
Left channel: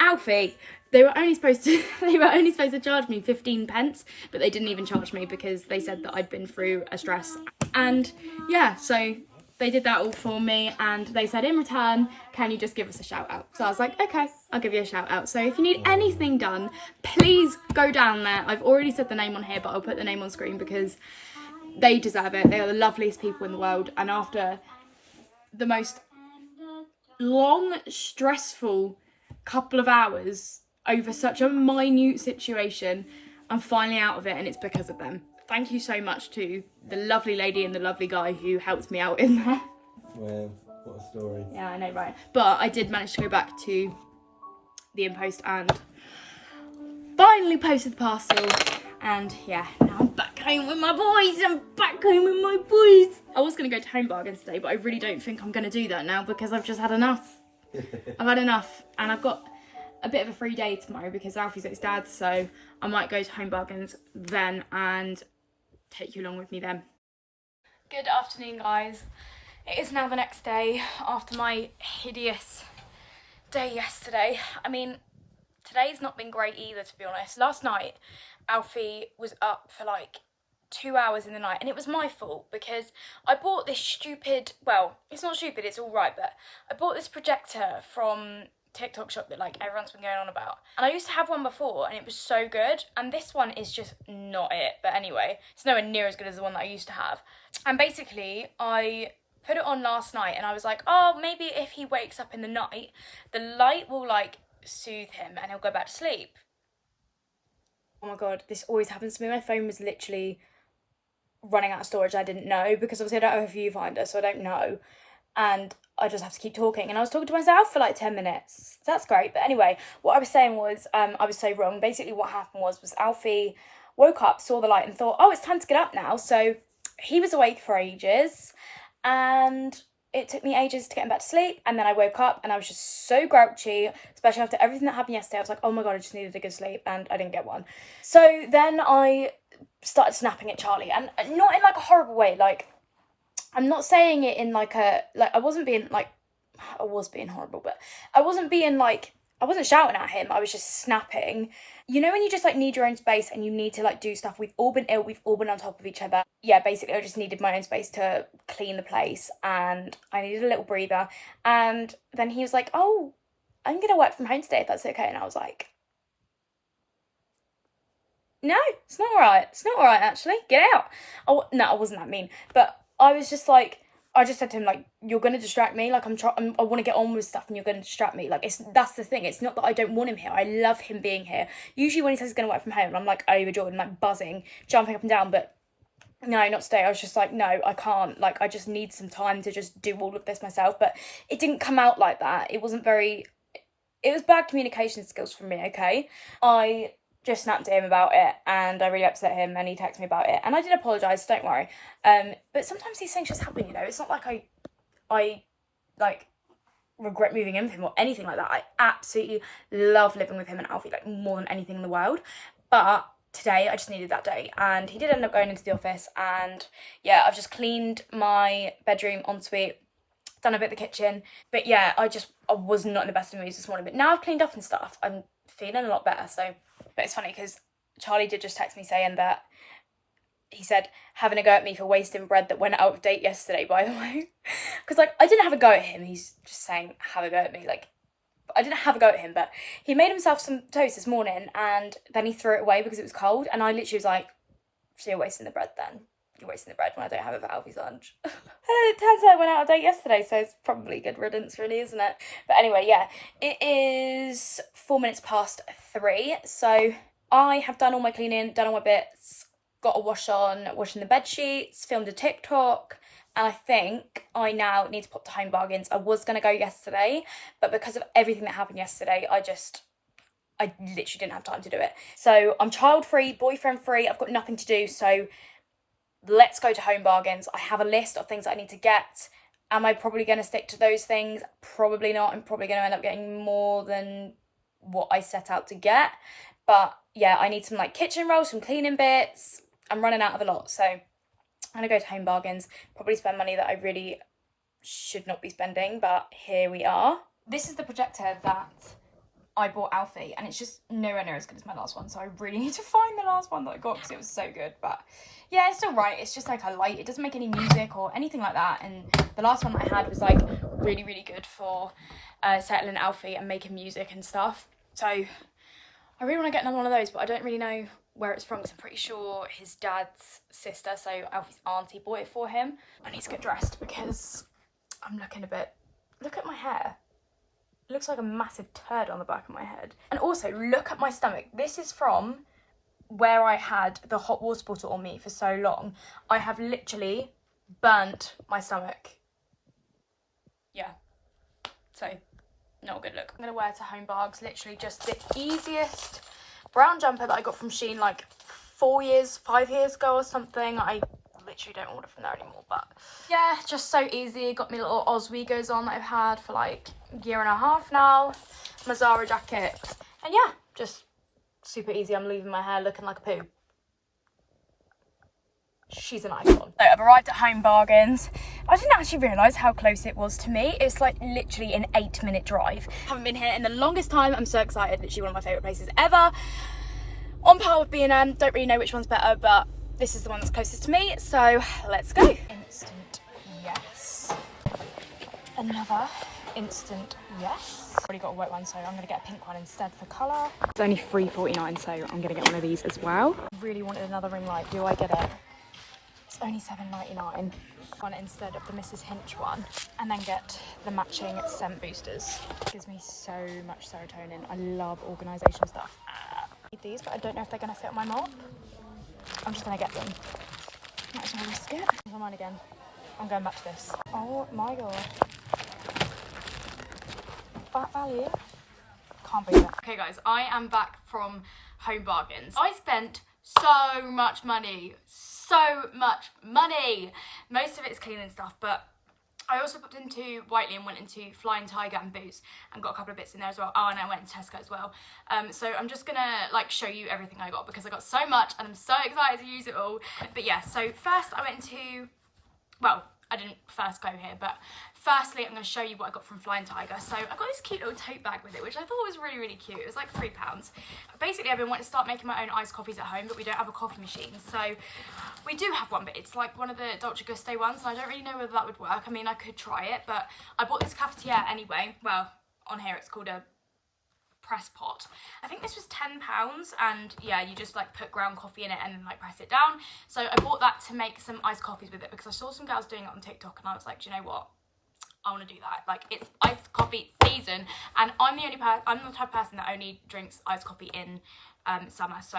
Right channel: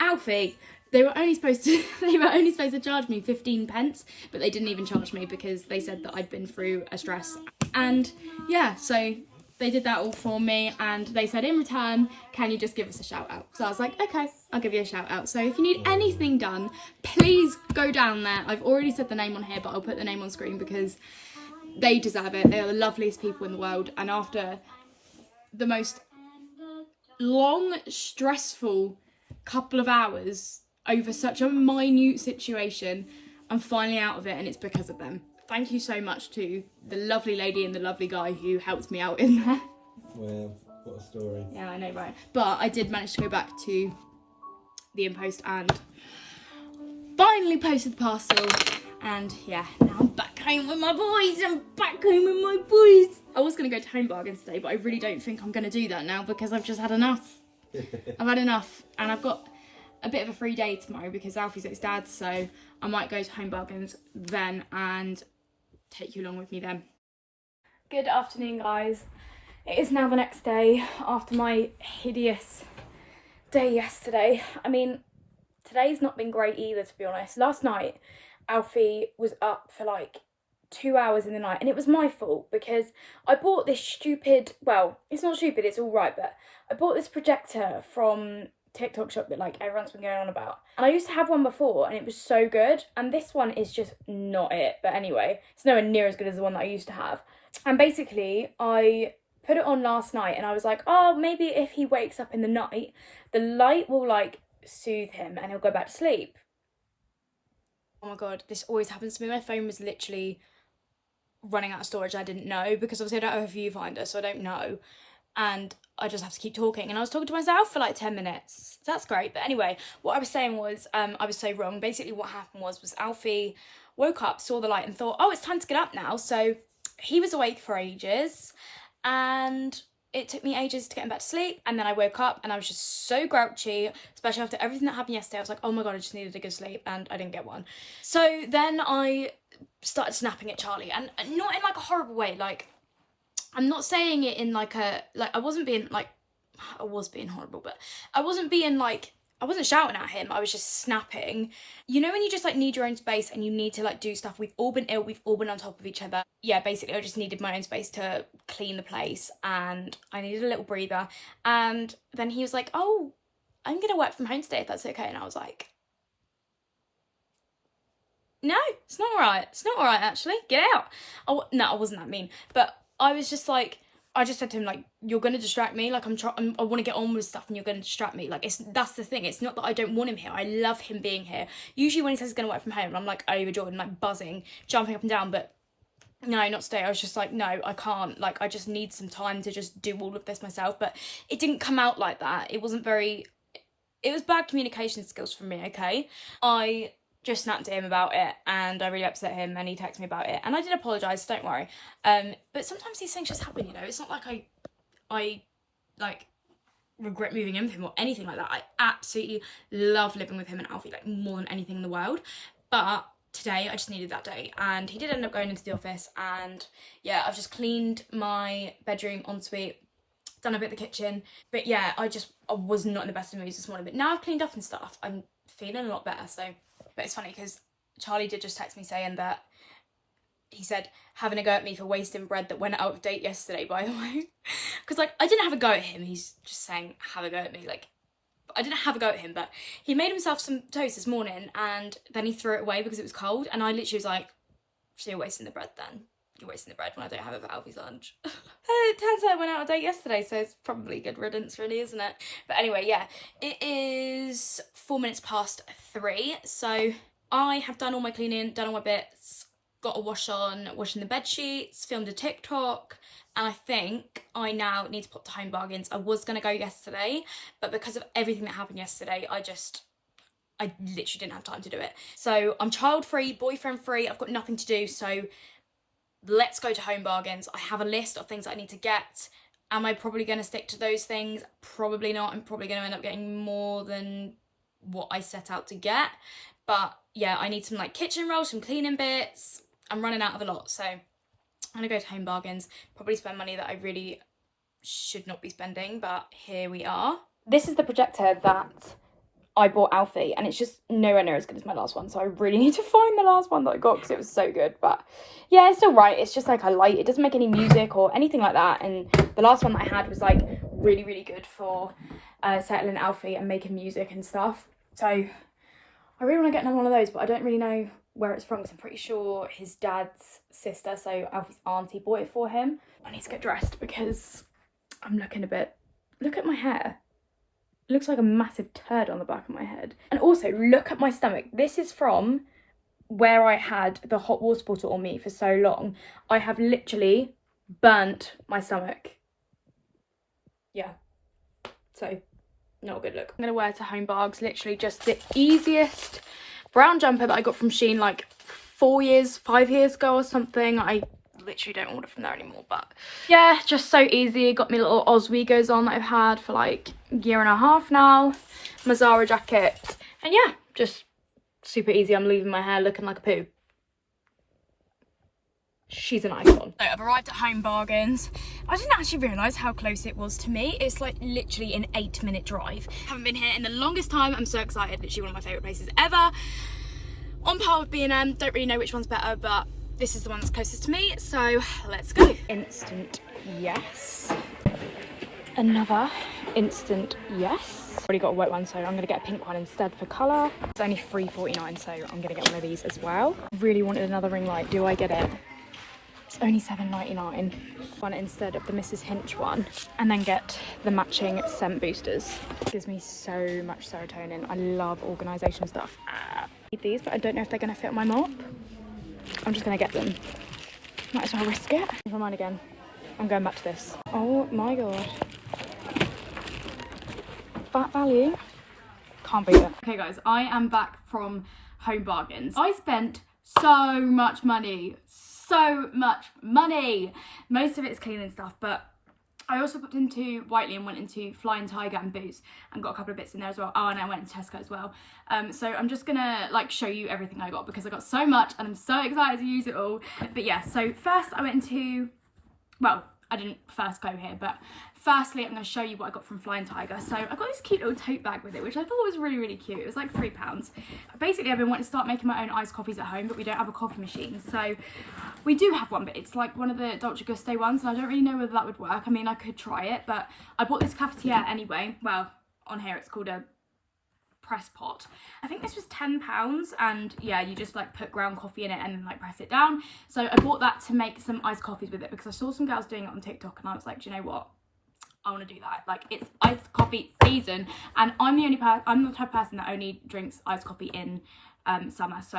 Alfie. They were only supposed to charge me 15 pence, but they didn't even charge me because they said that I'd been through a stress. And yeah, so they did that all for me, and they said in return, can you just give us a shout out? So I was like, okay, I'll give you a shout out. So if you need anything done, please go down there. I've already said the name on here, but I'll put the name on screen because they deserve it. They are the loveliest people in the world. And after the most long, stressful couple of hours over such a minute situation, I'm finally out of it, and it's because of them. Thank you so much to the lovely lady and the lovely guy who helped me out in there. Well, what a story. Yeah, I know, right? But I did manage to go back to the impost and finally posted the parcel. And yeah, now I'm back home with my boys. I was going to go to Home Bargains today, but I really don't think I'm going to do that now because I've just had enough. I've had enough, and I've got a bit of a free day tomorrow because Alfie's at his dad's, so I might go to Home Bargains then and take you along with me then. Good afternoon, guys. It is now the next day after my hideous day yesterday. I mean, today's not been great either, to be honest. Last night, Alfie was up for like 2 hours in the night, and it was my fault because I bought this stupid, well, it's not stupid, it's all right, but I bought this projector from TikTok shop that like everyone's been going on about, and I used to have one before and it was so good, and this one is just not it. But anyway, it's nowhere near as good as the one that I used to have. And basically I put it on last night and I was like, oh, maybe if he wakes up in the night, the light will like soothe him and he'll go back to sleep. Oh my god, this always happens to me. My phone was literally running out of storage. I didn't know because obviously I don't have a viewfinder, so I don't know, and I just have to keep talking, and I was talking to myself for like 10 minutes. So that's great. But anyway, what I was saying was, I was so wrong. Basically what happened was Alfie woke up, saw the light and thought, oh, it's time to get up now. So he was awake for ages, and it took me ages to get him back to sleep. And then I woke up and I was just so grouchy, especially after everything that happened yesterday. I was like, oh my god, I just needed a good sleep, and I didn't get one. So then I started snapping at Charlie, and not in like a horrible way. Like, I'm not saying it in like a, like, I was being horrible, but I wasn't being like, I wasn't shouting at him, I was just snapping. You know when you just like need your own space and you need to like do stuff, we've all been ill, we've all been on top of each other. Yeah, basically I just needed my own space to clean the place and I needed a little breather. And then he was like, oh, I'm gonna work from home today if that's okay. And I was like, no, it's not alright. It's not alright, actually. Get out. Oh, no, I wasn't that mean. But I was just like, I just said to him, like, you're going to distract me. Like, I want to get on with stuff and you're going to distract me. Like, that's the thing. It's not that I don't want him here. I love him being here. Usually when he says he's going to work from home, I'm like overjoyed and like buzzing, jumping up and down. But no, not today. I was just like, no, I can't. Like, I just need some time to just do all of this myself. But it didn't come out like that. It wasn't very... It was bad communication skills from me, okay? I just snapped at him about it and I really upset him and he texted me about it and I did apologise, don't worry. But sometimes these things just happen, you know. It's not like I like regret moving in with him or anything like that. I absolutely love living with him and Alfie like more than anything in the world. But today I just needed that day and he did end up going into the office and yeah, I've just cleaned my bedroom ensuite, done a bit of the kitchen. But yeah, I was not in the best of moods this morning, but now I've cleaned up and stuff, I'm feeling a lot better. So, but it's funny because Charlie did just text me saying that he said having a go at me for wasting bread that went out of date yesterday, by the way. Because like I didn't have a go at him, he's just saying have a go at me. Like I didn't have a go at him, but he made himself some toast this morning and then he threw it away because it was cold and I literally was like, so you're wasting the bread then? You're wasting the bread when I don't have it for Alfie's lunch. And it turns out it went out of date yesterday, so it's probably good riddance really, isn't it? But anyway, yeah, it is 4 minutes past 3, so I have done all my cleaning, done all my bits, got a wash on, washing the bed sheets, filmed a TikTok, and I think I now need to pop to Home Bargains. I was going to go yesterday, but because of everything that happened yesterday, I literally didn't have time to do it. So I'm child-free, boyfriend-free, I've got nothing to do, so let's go to Home Bargains. I have a list of things that I need to get. Am I probably going to stick to those things? Probably not. I'm probably going to end up getting more than what I set out to get. But yeah, I need some like kitchen rolls, some cleaning bits. I'm running out of a lot. So I'm going to go to Home Bargains, probably spend money that I really should not be spending, but here we are. This is the projector that I bought Alfie and it's just nowhere near as good as my last one, so I really need to find the last one that I got because it was so good. But yeah, it's still right. It's just like a light, it doesn't make any music or anything like that, and the last one that I had was like really good for settling Alfie and making music and stuff. So I really want to get another one of those, but I don't really know where it's from because I'm pretty sure his dad's sister, so Alfie's auntie, bought it for him. I need to get dressed because I'm looking a bit, look at my hair. It looks like a massive turd on the back of my head. And also, look at my stomach. This is from where I had the hot water bottle on me for so long. I have literally burnt my stomach. Yeah. So, not a good look. I'm going to wear to Home Bargains, literally just the easiest brown jumper that I got from Shein like 5 years ago or something. I literally don't order from there anymore, but yeah, just so easy. Got me little Oswegos on that I've had for like a year and a half now, my Zara jacket, and yeah, just super easy. I'm leaving my hair looking like a poo. She's an icon. So I've arrived at Home Bargains. I didn't actually realise how close it was to me. It's like literally an 8-minute drive. Haven't been here in the longest time. I'm so excited. Literally one of my favourite places ever. On par with B&M. Don't really know which one's better, but this is the one that's closest to me, so let's go. Instant yes. Another instant yes. Already got a white one, so I'm gonna get a pink one instead for colour. It's only $3.49, so I'm gonna get one of these as well. I really wanted another ring light. Do I get it? It's only $7.99. One instead of the Mrs. Hinch one, and then get the matching scent boosters. It gives me so much serotonin. I love organisation stuff. I need these, but I don't know if they're gonna fit on my mop. I'm just gonna get them. Might as well risk it. Never mind again. I'm going back to this. Oh my god. That value. Can't beat it. Okay guys, I am back from Home Bargains. I spent so much money. So much money. Most of it's cleaning stuff, but I also popped into Whiteley and went into Flying Tiger and Boots and got a couple of bits in there as well. Oh, and I went into Tesco as well. So I'm just gonna like show you everything I got because I got so much and I'm so excited to use it all. But yeah, so first I went into, well, I didn't first go here, but firstly I'm going to show you what I got from Flying Tiger. So I got this cute little tote bag with it, which I thought was really, really cute. It was like £3. Basically I've been wanting to start making my own iced coffees at home, but we don't have a coffee machine. So we do have one, but it's like one of the Dolce Gusto ones, and I don't really know whether that would work. I mean, I could try it, but I bought this cafetiere anyway. Well, on here it's called a press pot. I think this was £10, and yeah, you just like put ground coffee in it and like press it down. So I bought that to make some iced coffees with it because I saw some girls doing it on TikTok, and I was like, do you know what, I want to do that. Like, it's iced coffee season, and I'm the type of person that only drinks iced coffee in summer. So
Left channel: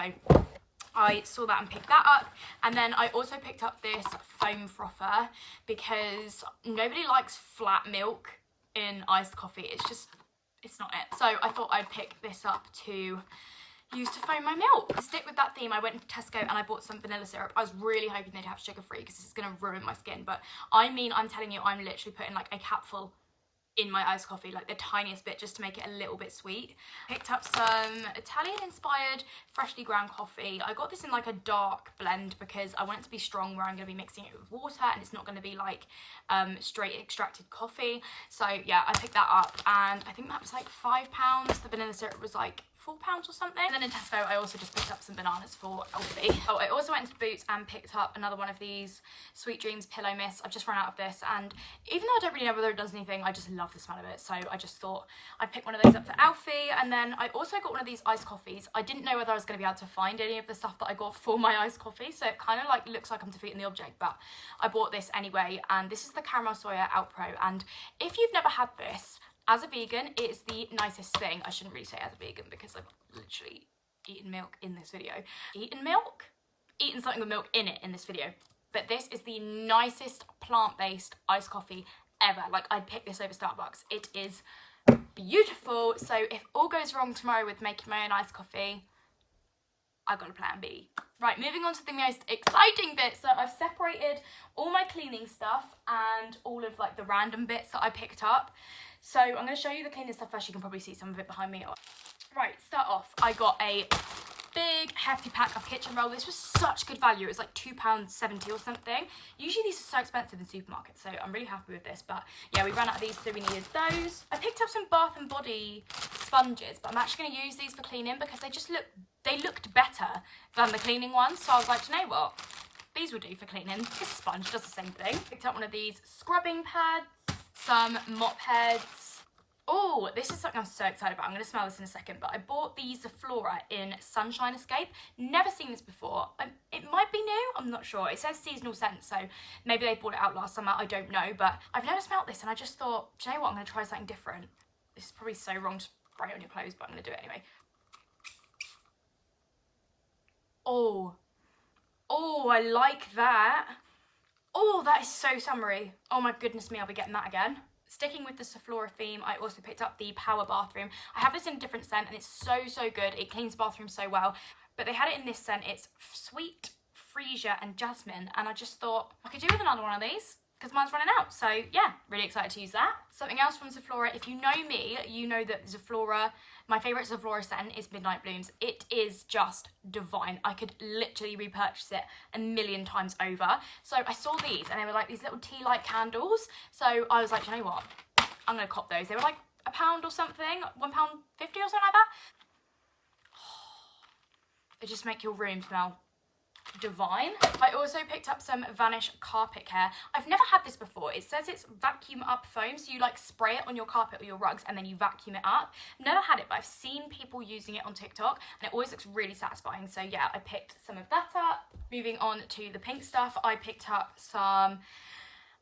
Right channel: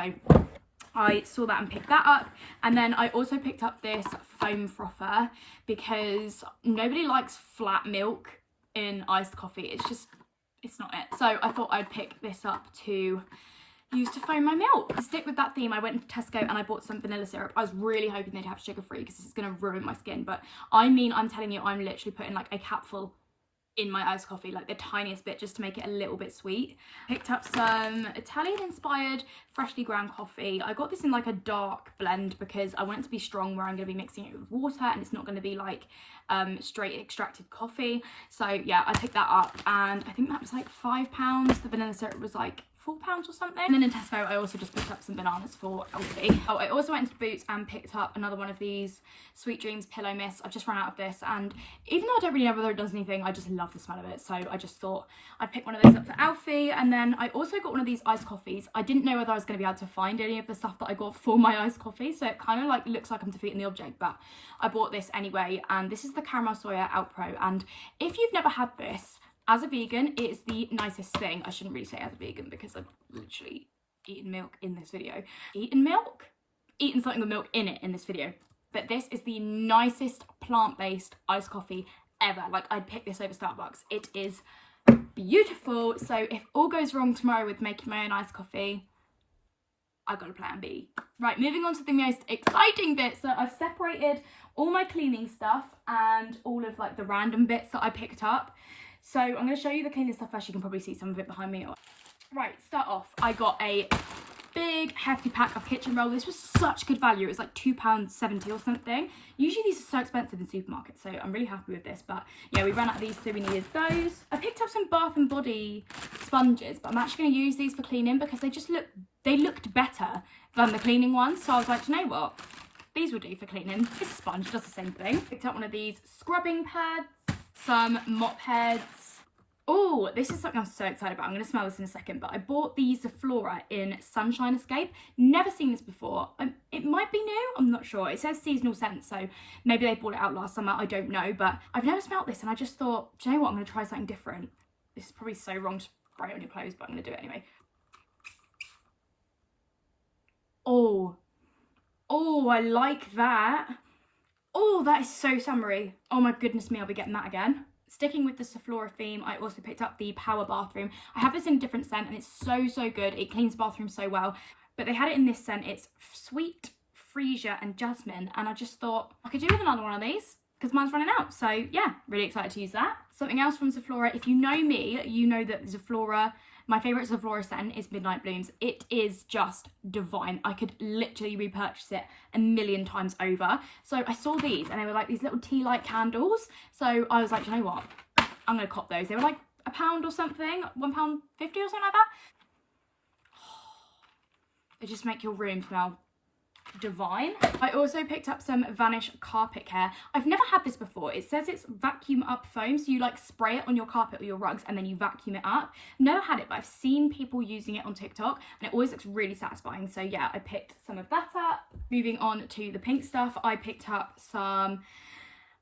I saw that and picked that up. And then I also picked up this foam frother because nobody likes flat milk in iced coffee. It's not it. So I thought I'd pick this up to use to foam my milk. To stick with that theme, I went to Tesco and I bought some vanilla syrup. I was really hoping they'd have sugar free because this is going to ruin my skin, but I mean, I'm telling you, I'm literally putting like a capful in my iced coffee, like the tiniest bit, just to make it a little bit sweet. Picked up some Italian inspired freshly ground coffee. I got this in like a dark blend because I want it to be strong, where I'm going to be mixing it with water, and it's not going to be like straight extracted coffee. So yeah, I picked that up, and I think that was like £5. The vanilla syrup was like £4 or something. And then in Tesco I also just picked up some bananas for Elsie. Oh, I also went into Boots and picked up another one of these Sweet Dreams pillow mist. I've just run out of this, and even though I don't really know whether it does anything, I just love the smell of it, so I just thought I'd pick one of those up for Alfie. And then I also got one of these iced coffees. I didn't know whether I was going to be able to find any of the stuff that I got for my iced coffee, so it kind of like looks like I'm defeating the object, but I bought this anyway. And this is the Caramel Soya Out Pro, and if you've never had this, as a vegan, it is the nicest thing. I shouldn't really say as a vegan because I've literally eaten milk in this video. Eaten milk? Eaten something with milk in it in this video. But this is the nicest plant-based iced coffee ever. Like, I'd pick this over Starbucks. It is beautiful. So if all goes wrong tomorrow with making my own iced coffee, I've got a plan B. Right, moving on to the most exciting bit. So I've separated all my cleaning stuff and all of like the random bits that I picked up. So I'm going to show you the cleaning stuff first. You can probably see some of it behind me. Right, start off. I got a big hefty pack of kitchen roll. This was such good value. It was like £2.70 or something. Usually these are so expensive in supermarkets, so I'm really happy with this. But yeah, we ran out of these, so we needed those. I picked up some Bath and Body sponges, but I'm actually going to use these for cleaning because they looked better than the cleaning ones. So I was like, you know what? These will do for cleaning. This sponge does the same thing. Picked up one of these scrubbing pads, some mop heads. Oh, this is something I'm so excited about. I'm going to smell this in a second, but I bought these Flora in Sunshine Escape. Never seen this before. It might be new, I'm not sure. It says seasonal scent, so maybe they brought it out last summer, I don't know, but I've never smelled this, and I just thought, do you know what, I'm going to try something different. This is probably so wrong to spray it on your clothes, but I'm going to do it anyway. Oh, I like that. Oh, that is so summery. Oh my goodness me, I'll be getting that again. Sticking with the Sephora theme, I also picked up the Power Bathroom. I have this in a different scent, and it's so good. It cleans the bathroom so well, but they had it in this scent. It's sweet, freesia and jasmine, and I just thought I could do with another one of these because mine's running out. So yeah, really excited to use that. Something else from Sephora, if you know me, you know that Sephora, my favourite Sephora scent is Midnight Blooms. It is just divine. I could literally repurchase it a million times over. So I saw these, and they were like these little tea light candles. So I was like, you know what? I'm going to cop those. They were like £1 or something, £1.50 or something like that. They just make your room smell divine. I also picked up some Vanish carpet care. I've never had this before. It says it's vacuum up foam, so you like spray it on your carpet or your rugs and then you vacuum it up. Never had it, but I've seen people using it on TikTok and it always looks really satisfying. So yeah, I picked some of that up. Moving on to the pink stuff, I picked up some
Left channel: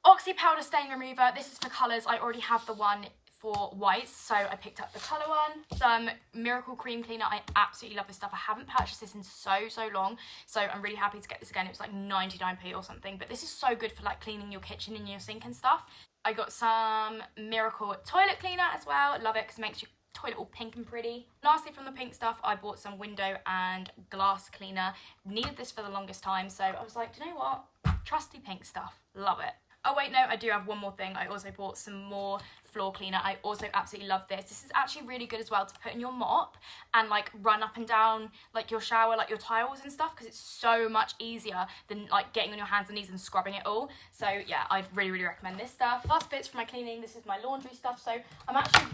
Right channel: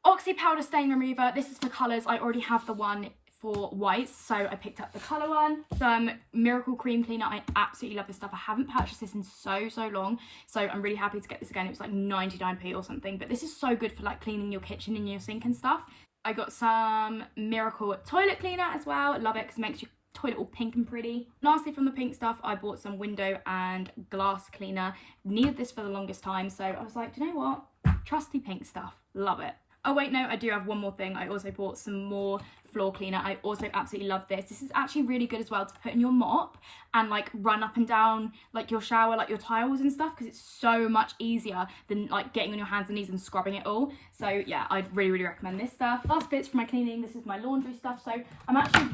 Oxy powder stain remover. This is for colours. I already have the one for whites, so I picked up the colour one. Some Miracle Cream Cleaner. I absolutely love this stuff. I haven't purchased this in so long, so I'm really happy to get this again. It was like 99p or something, but this is so good for like cleaning your kitchen and your sink and stuff. I got some Miracle Toilet Cleaner as well. Love it because it makes your toilet all pink and pretty. Lastly, from the pink stuff, I bought some window and glass cleaner. Needed this for the longest time, so I was like, do you know what? Trusty pink stuff. Love it. Oh wait, no, I do have one more thing. I also bought some more floor cleaner. I also absolutely love this. This is actually really good as well to put in your mop and like run up and down like your shower, like your tiles and stuff, because it's so much easier than like getting on your hands and knees and scrubbing it all. So yeah, I'd really recommend this stuff. Last bits for my cleaning. This is my laundry stuff. So I'm actually,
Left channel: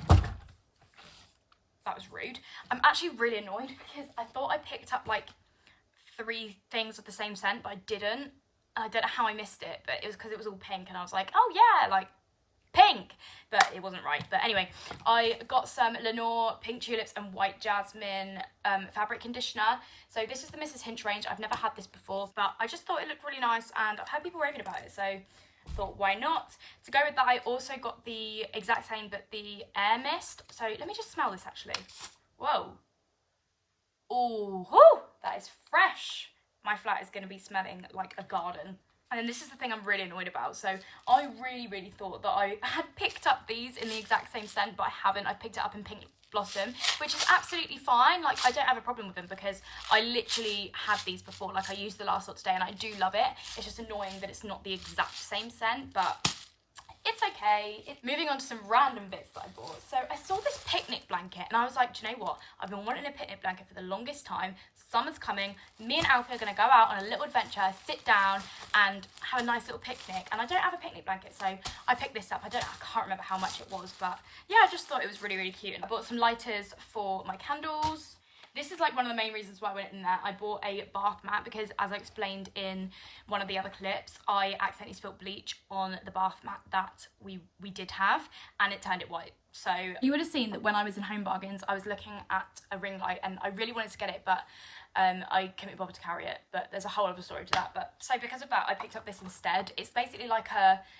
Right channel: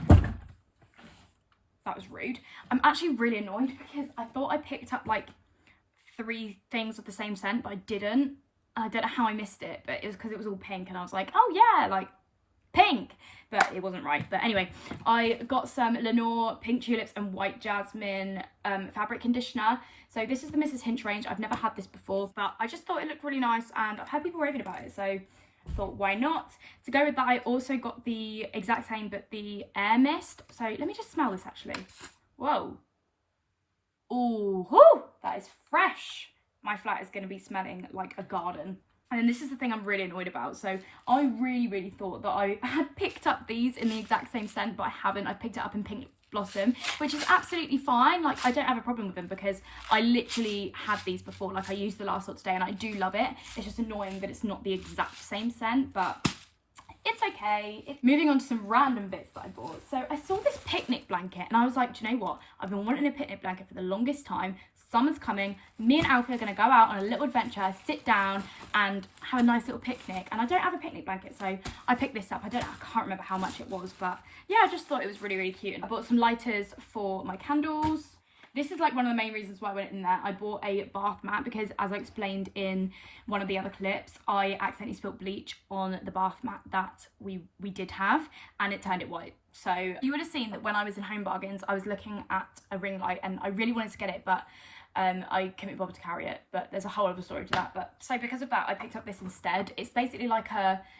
that was rude. I'm actually really annoyed because I thought I picked up like 3 things of the same scent, but I didn't. I don't know how I missed it, but it was because it was all pink and I was like, oh yeah, like pink, but it wasn't right. But anyway, I got some Lenore Pink Tulips and White Jasmine fabric conditioner. So this is the Mrs. Hinch range. I've never had this before, but I just thought it looked really nice and I've heard people raving about it, so I thought why not. To go with that, I also got the exact same but the air mist. So let me just smell this actually. Whoa. Ooh, whoo, that is fresh. My flat is going to be smelling like a garden. And then this is the thing I'm really annoyed about. So I really thought that I had picked up these in the exact same scent, but I haven't. I picked it up in Pink Blossom, which is absolutely fine. Like, I don't have a problem with them because I literally had these before. Like, I used the last lot today and I do love it. It's just annoying that it's not the exact same scent, but it's okay. Moving on to some random bits that I bought. So I saw this picnic blanket and I was like, do you know what? I've been wanting a picnic blanket for the longest time. Summer's coming. Me and Alfie are going to go out on a little adventure, sit down and have a nice little picnic. And I don't have a picnic blanket, so I picked this up. I can't remember how much it was, but yeah, I just thought it was really cute. And I bought some lighters for my candles. This is like one of the main reasons why I went in there. I bought a bath mat because, as I explained in one of the other clips, I accidentally spilled bleach on the bath mat that we did have and it turned it white. So you would have seen that when I was in Home Bargains, I was looking at a ring light and I really wanted to get it, but I couldn't be bothered to carry it. But there's a whole other story to that. But so because of that, I picked up this instead. It's basically like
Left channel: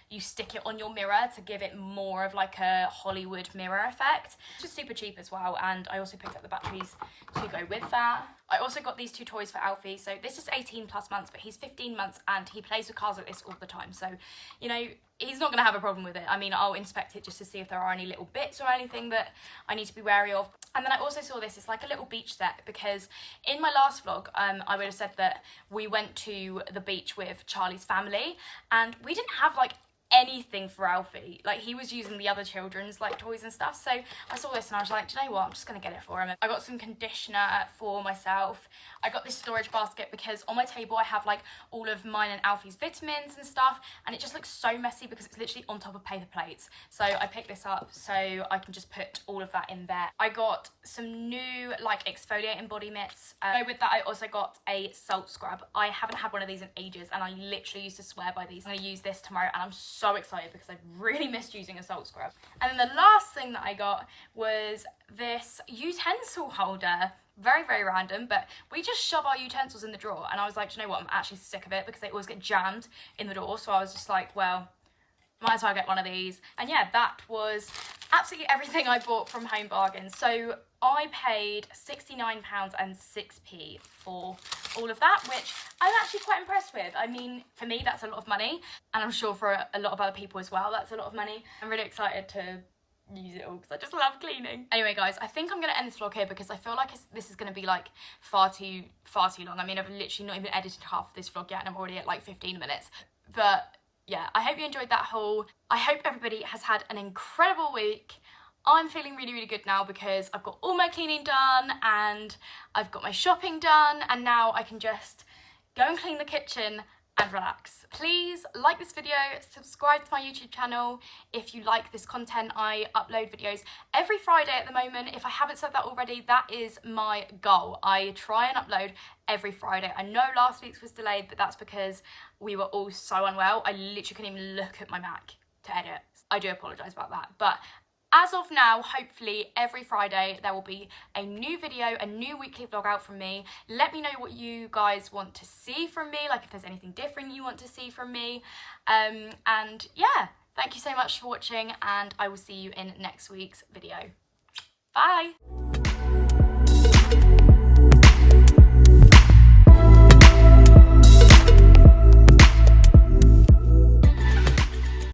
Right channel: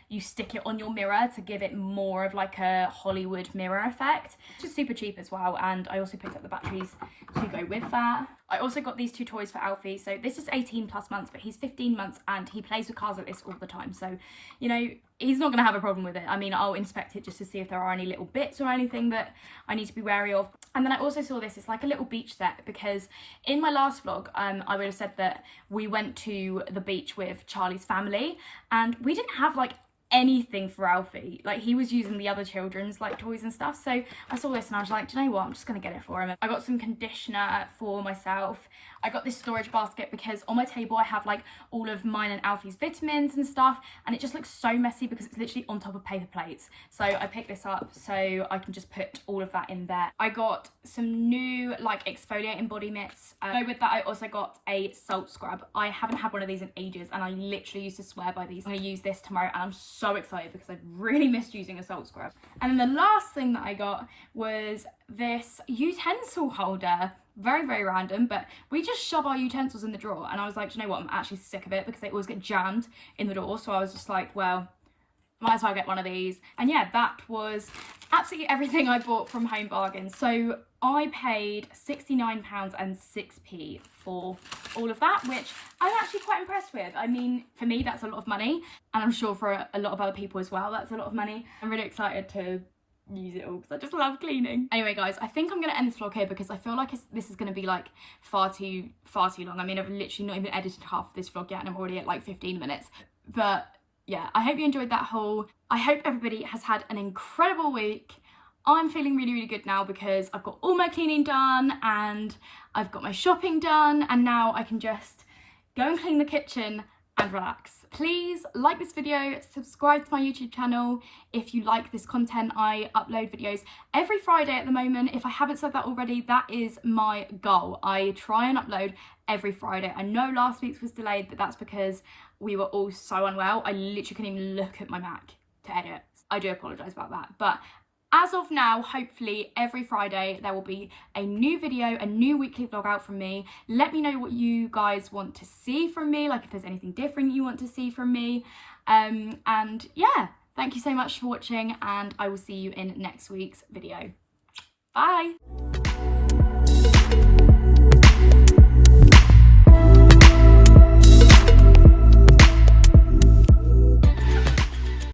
you stick it on your mirror to give it more of like a Hollywood mirror effect. It's just super cheap as well. And I also picked up the batteries to go with that. I also got these 2 toys for Alfie. So this is 18+ months, but he's 15 months and he plays with cars like this all the time. So, you know, he's not going to have a problem with it. I mean, I'll inspect it just to see if there are any little bits or anything that I need to be wary of. And then I also saw this. It's like a little beach set because in my last vlog, I would have said that we went to the beach with Charlie's family and we didn't have like anything for Alfie. Like, he was using the other children's like toys and stuff. So I saw this and I was like, do you know what, I'm just gonna get it for him. I got some conditioner for myself. I got this storage basket because on my table I have like all of mine and Alfie's vitamins and stuff, and it just looks so messy because it's literally on top of paper plates. So I picked this up so I can just put all of that in there. I got some new like exfoliating body mitts. With that, I also got a salt scrub. I haven't had one of these in ages and I literally used to swear by these. I'm gonna use this tomorrow and I'm so excited because I've really missed using a salt scrub. And then the last thing that I got was this utensil holder. Very random, but we just shove our utensils in the drawer and I was like, do you know what, I'm actually sick of it because they always get jammed in the door. So I was just like, well, might as well get one of these. And yeah, that was absolutely everything I bought from Home Bargains. So I paid £69.06 for all of that, which I'm actually quite impressed with. I mean, for me, that's a lot of money, and I'm sure for a lot of other people as well, that's a lot of money. I'm really excited to use it all because I just love cleaning. Anyway guys, I think I'm gonna end this vlog here because I feel like this is gonna be like far too long. I mean, I've literally not even edited half of this vlog yet and I'm already at like 15 minutes. But yeah, I hope you enjoyed that haul. I hope everybody has had an incredible week. I'm feeling really good now because I've got all my cleaning done and I've got my shopping done, and now I can just go and clean the kitchen and relax. Please like this video, subscribe to my YouTube channel if you like this content. I upload videos every Friday at the moment. If I haven't said that already, that is my goal. I try and upload every Friday. I know last week's was delayed, but that's because we were all so unwell. I literally couldn't even look at my Mac to edit. I do apologise about that. But as of now, hopefully every Friday there will be a new video, a new weekly vlog out from me. Let me know what you guys want to see from me, like if there's anything different you want to see from me. And yeah, thank you so much for watching and I will see you in next week's video. Bye!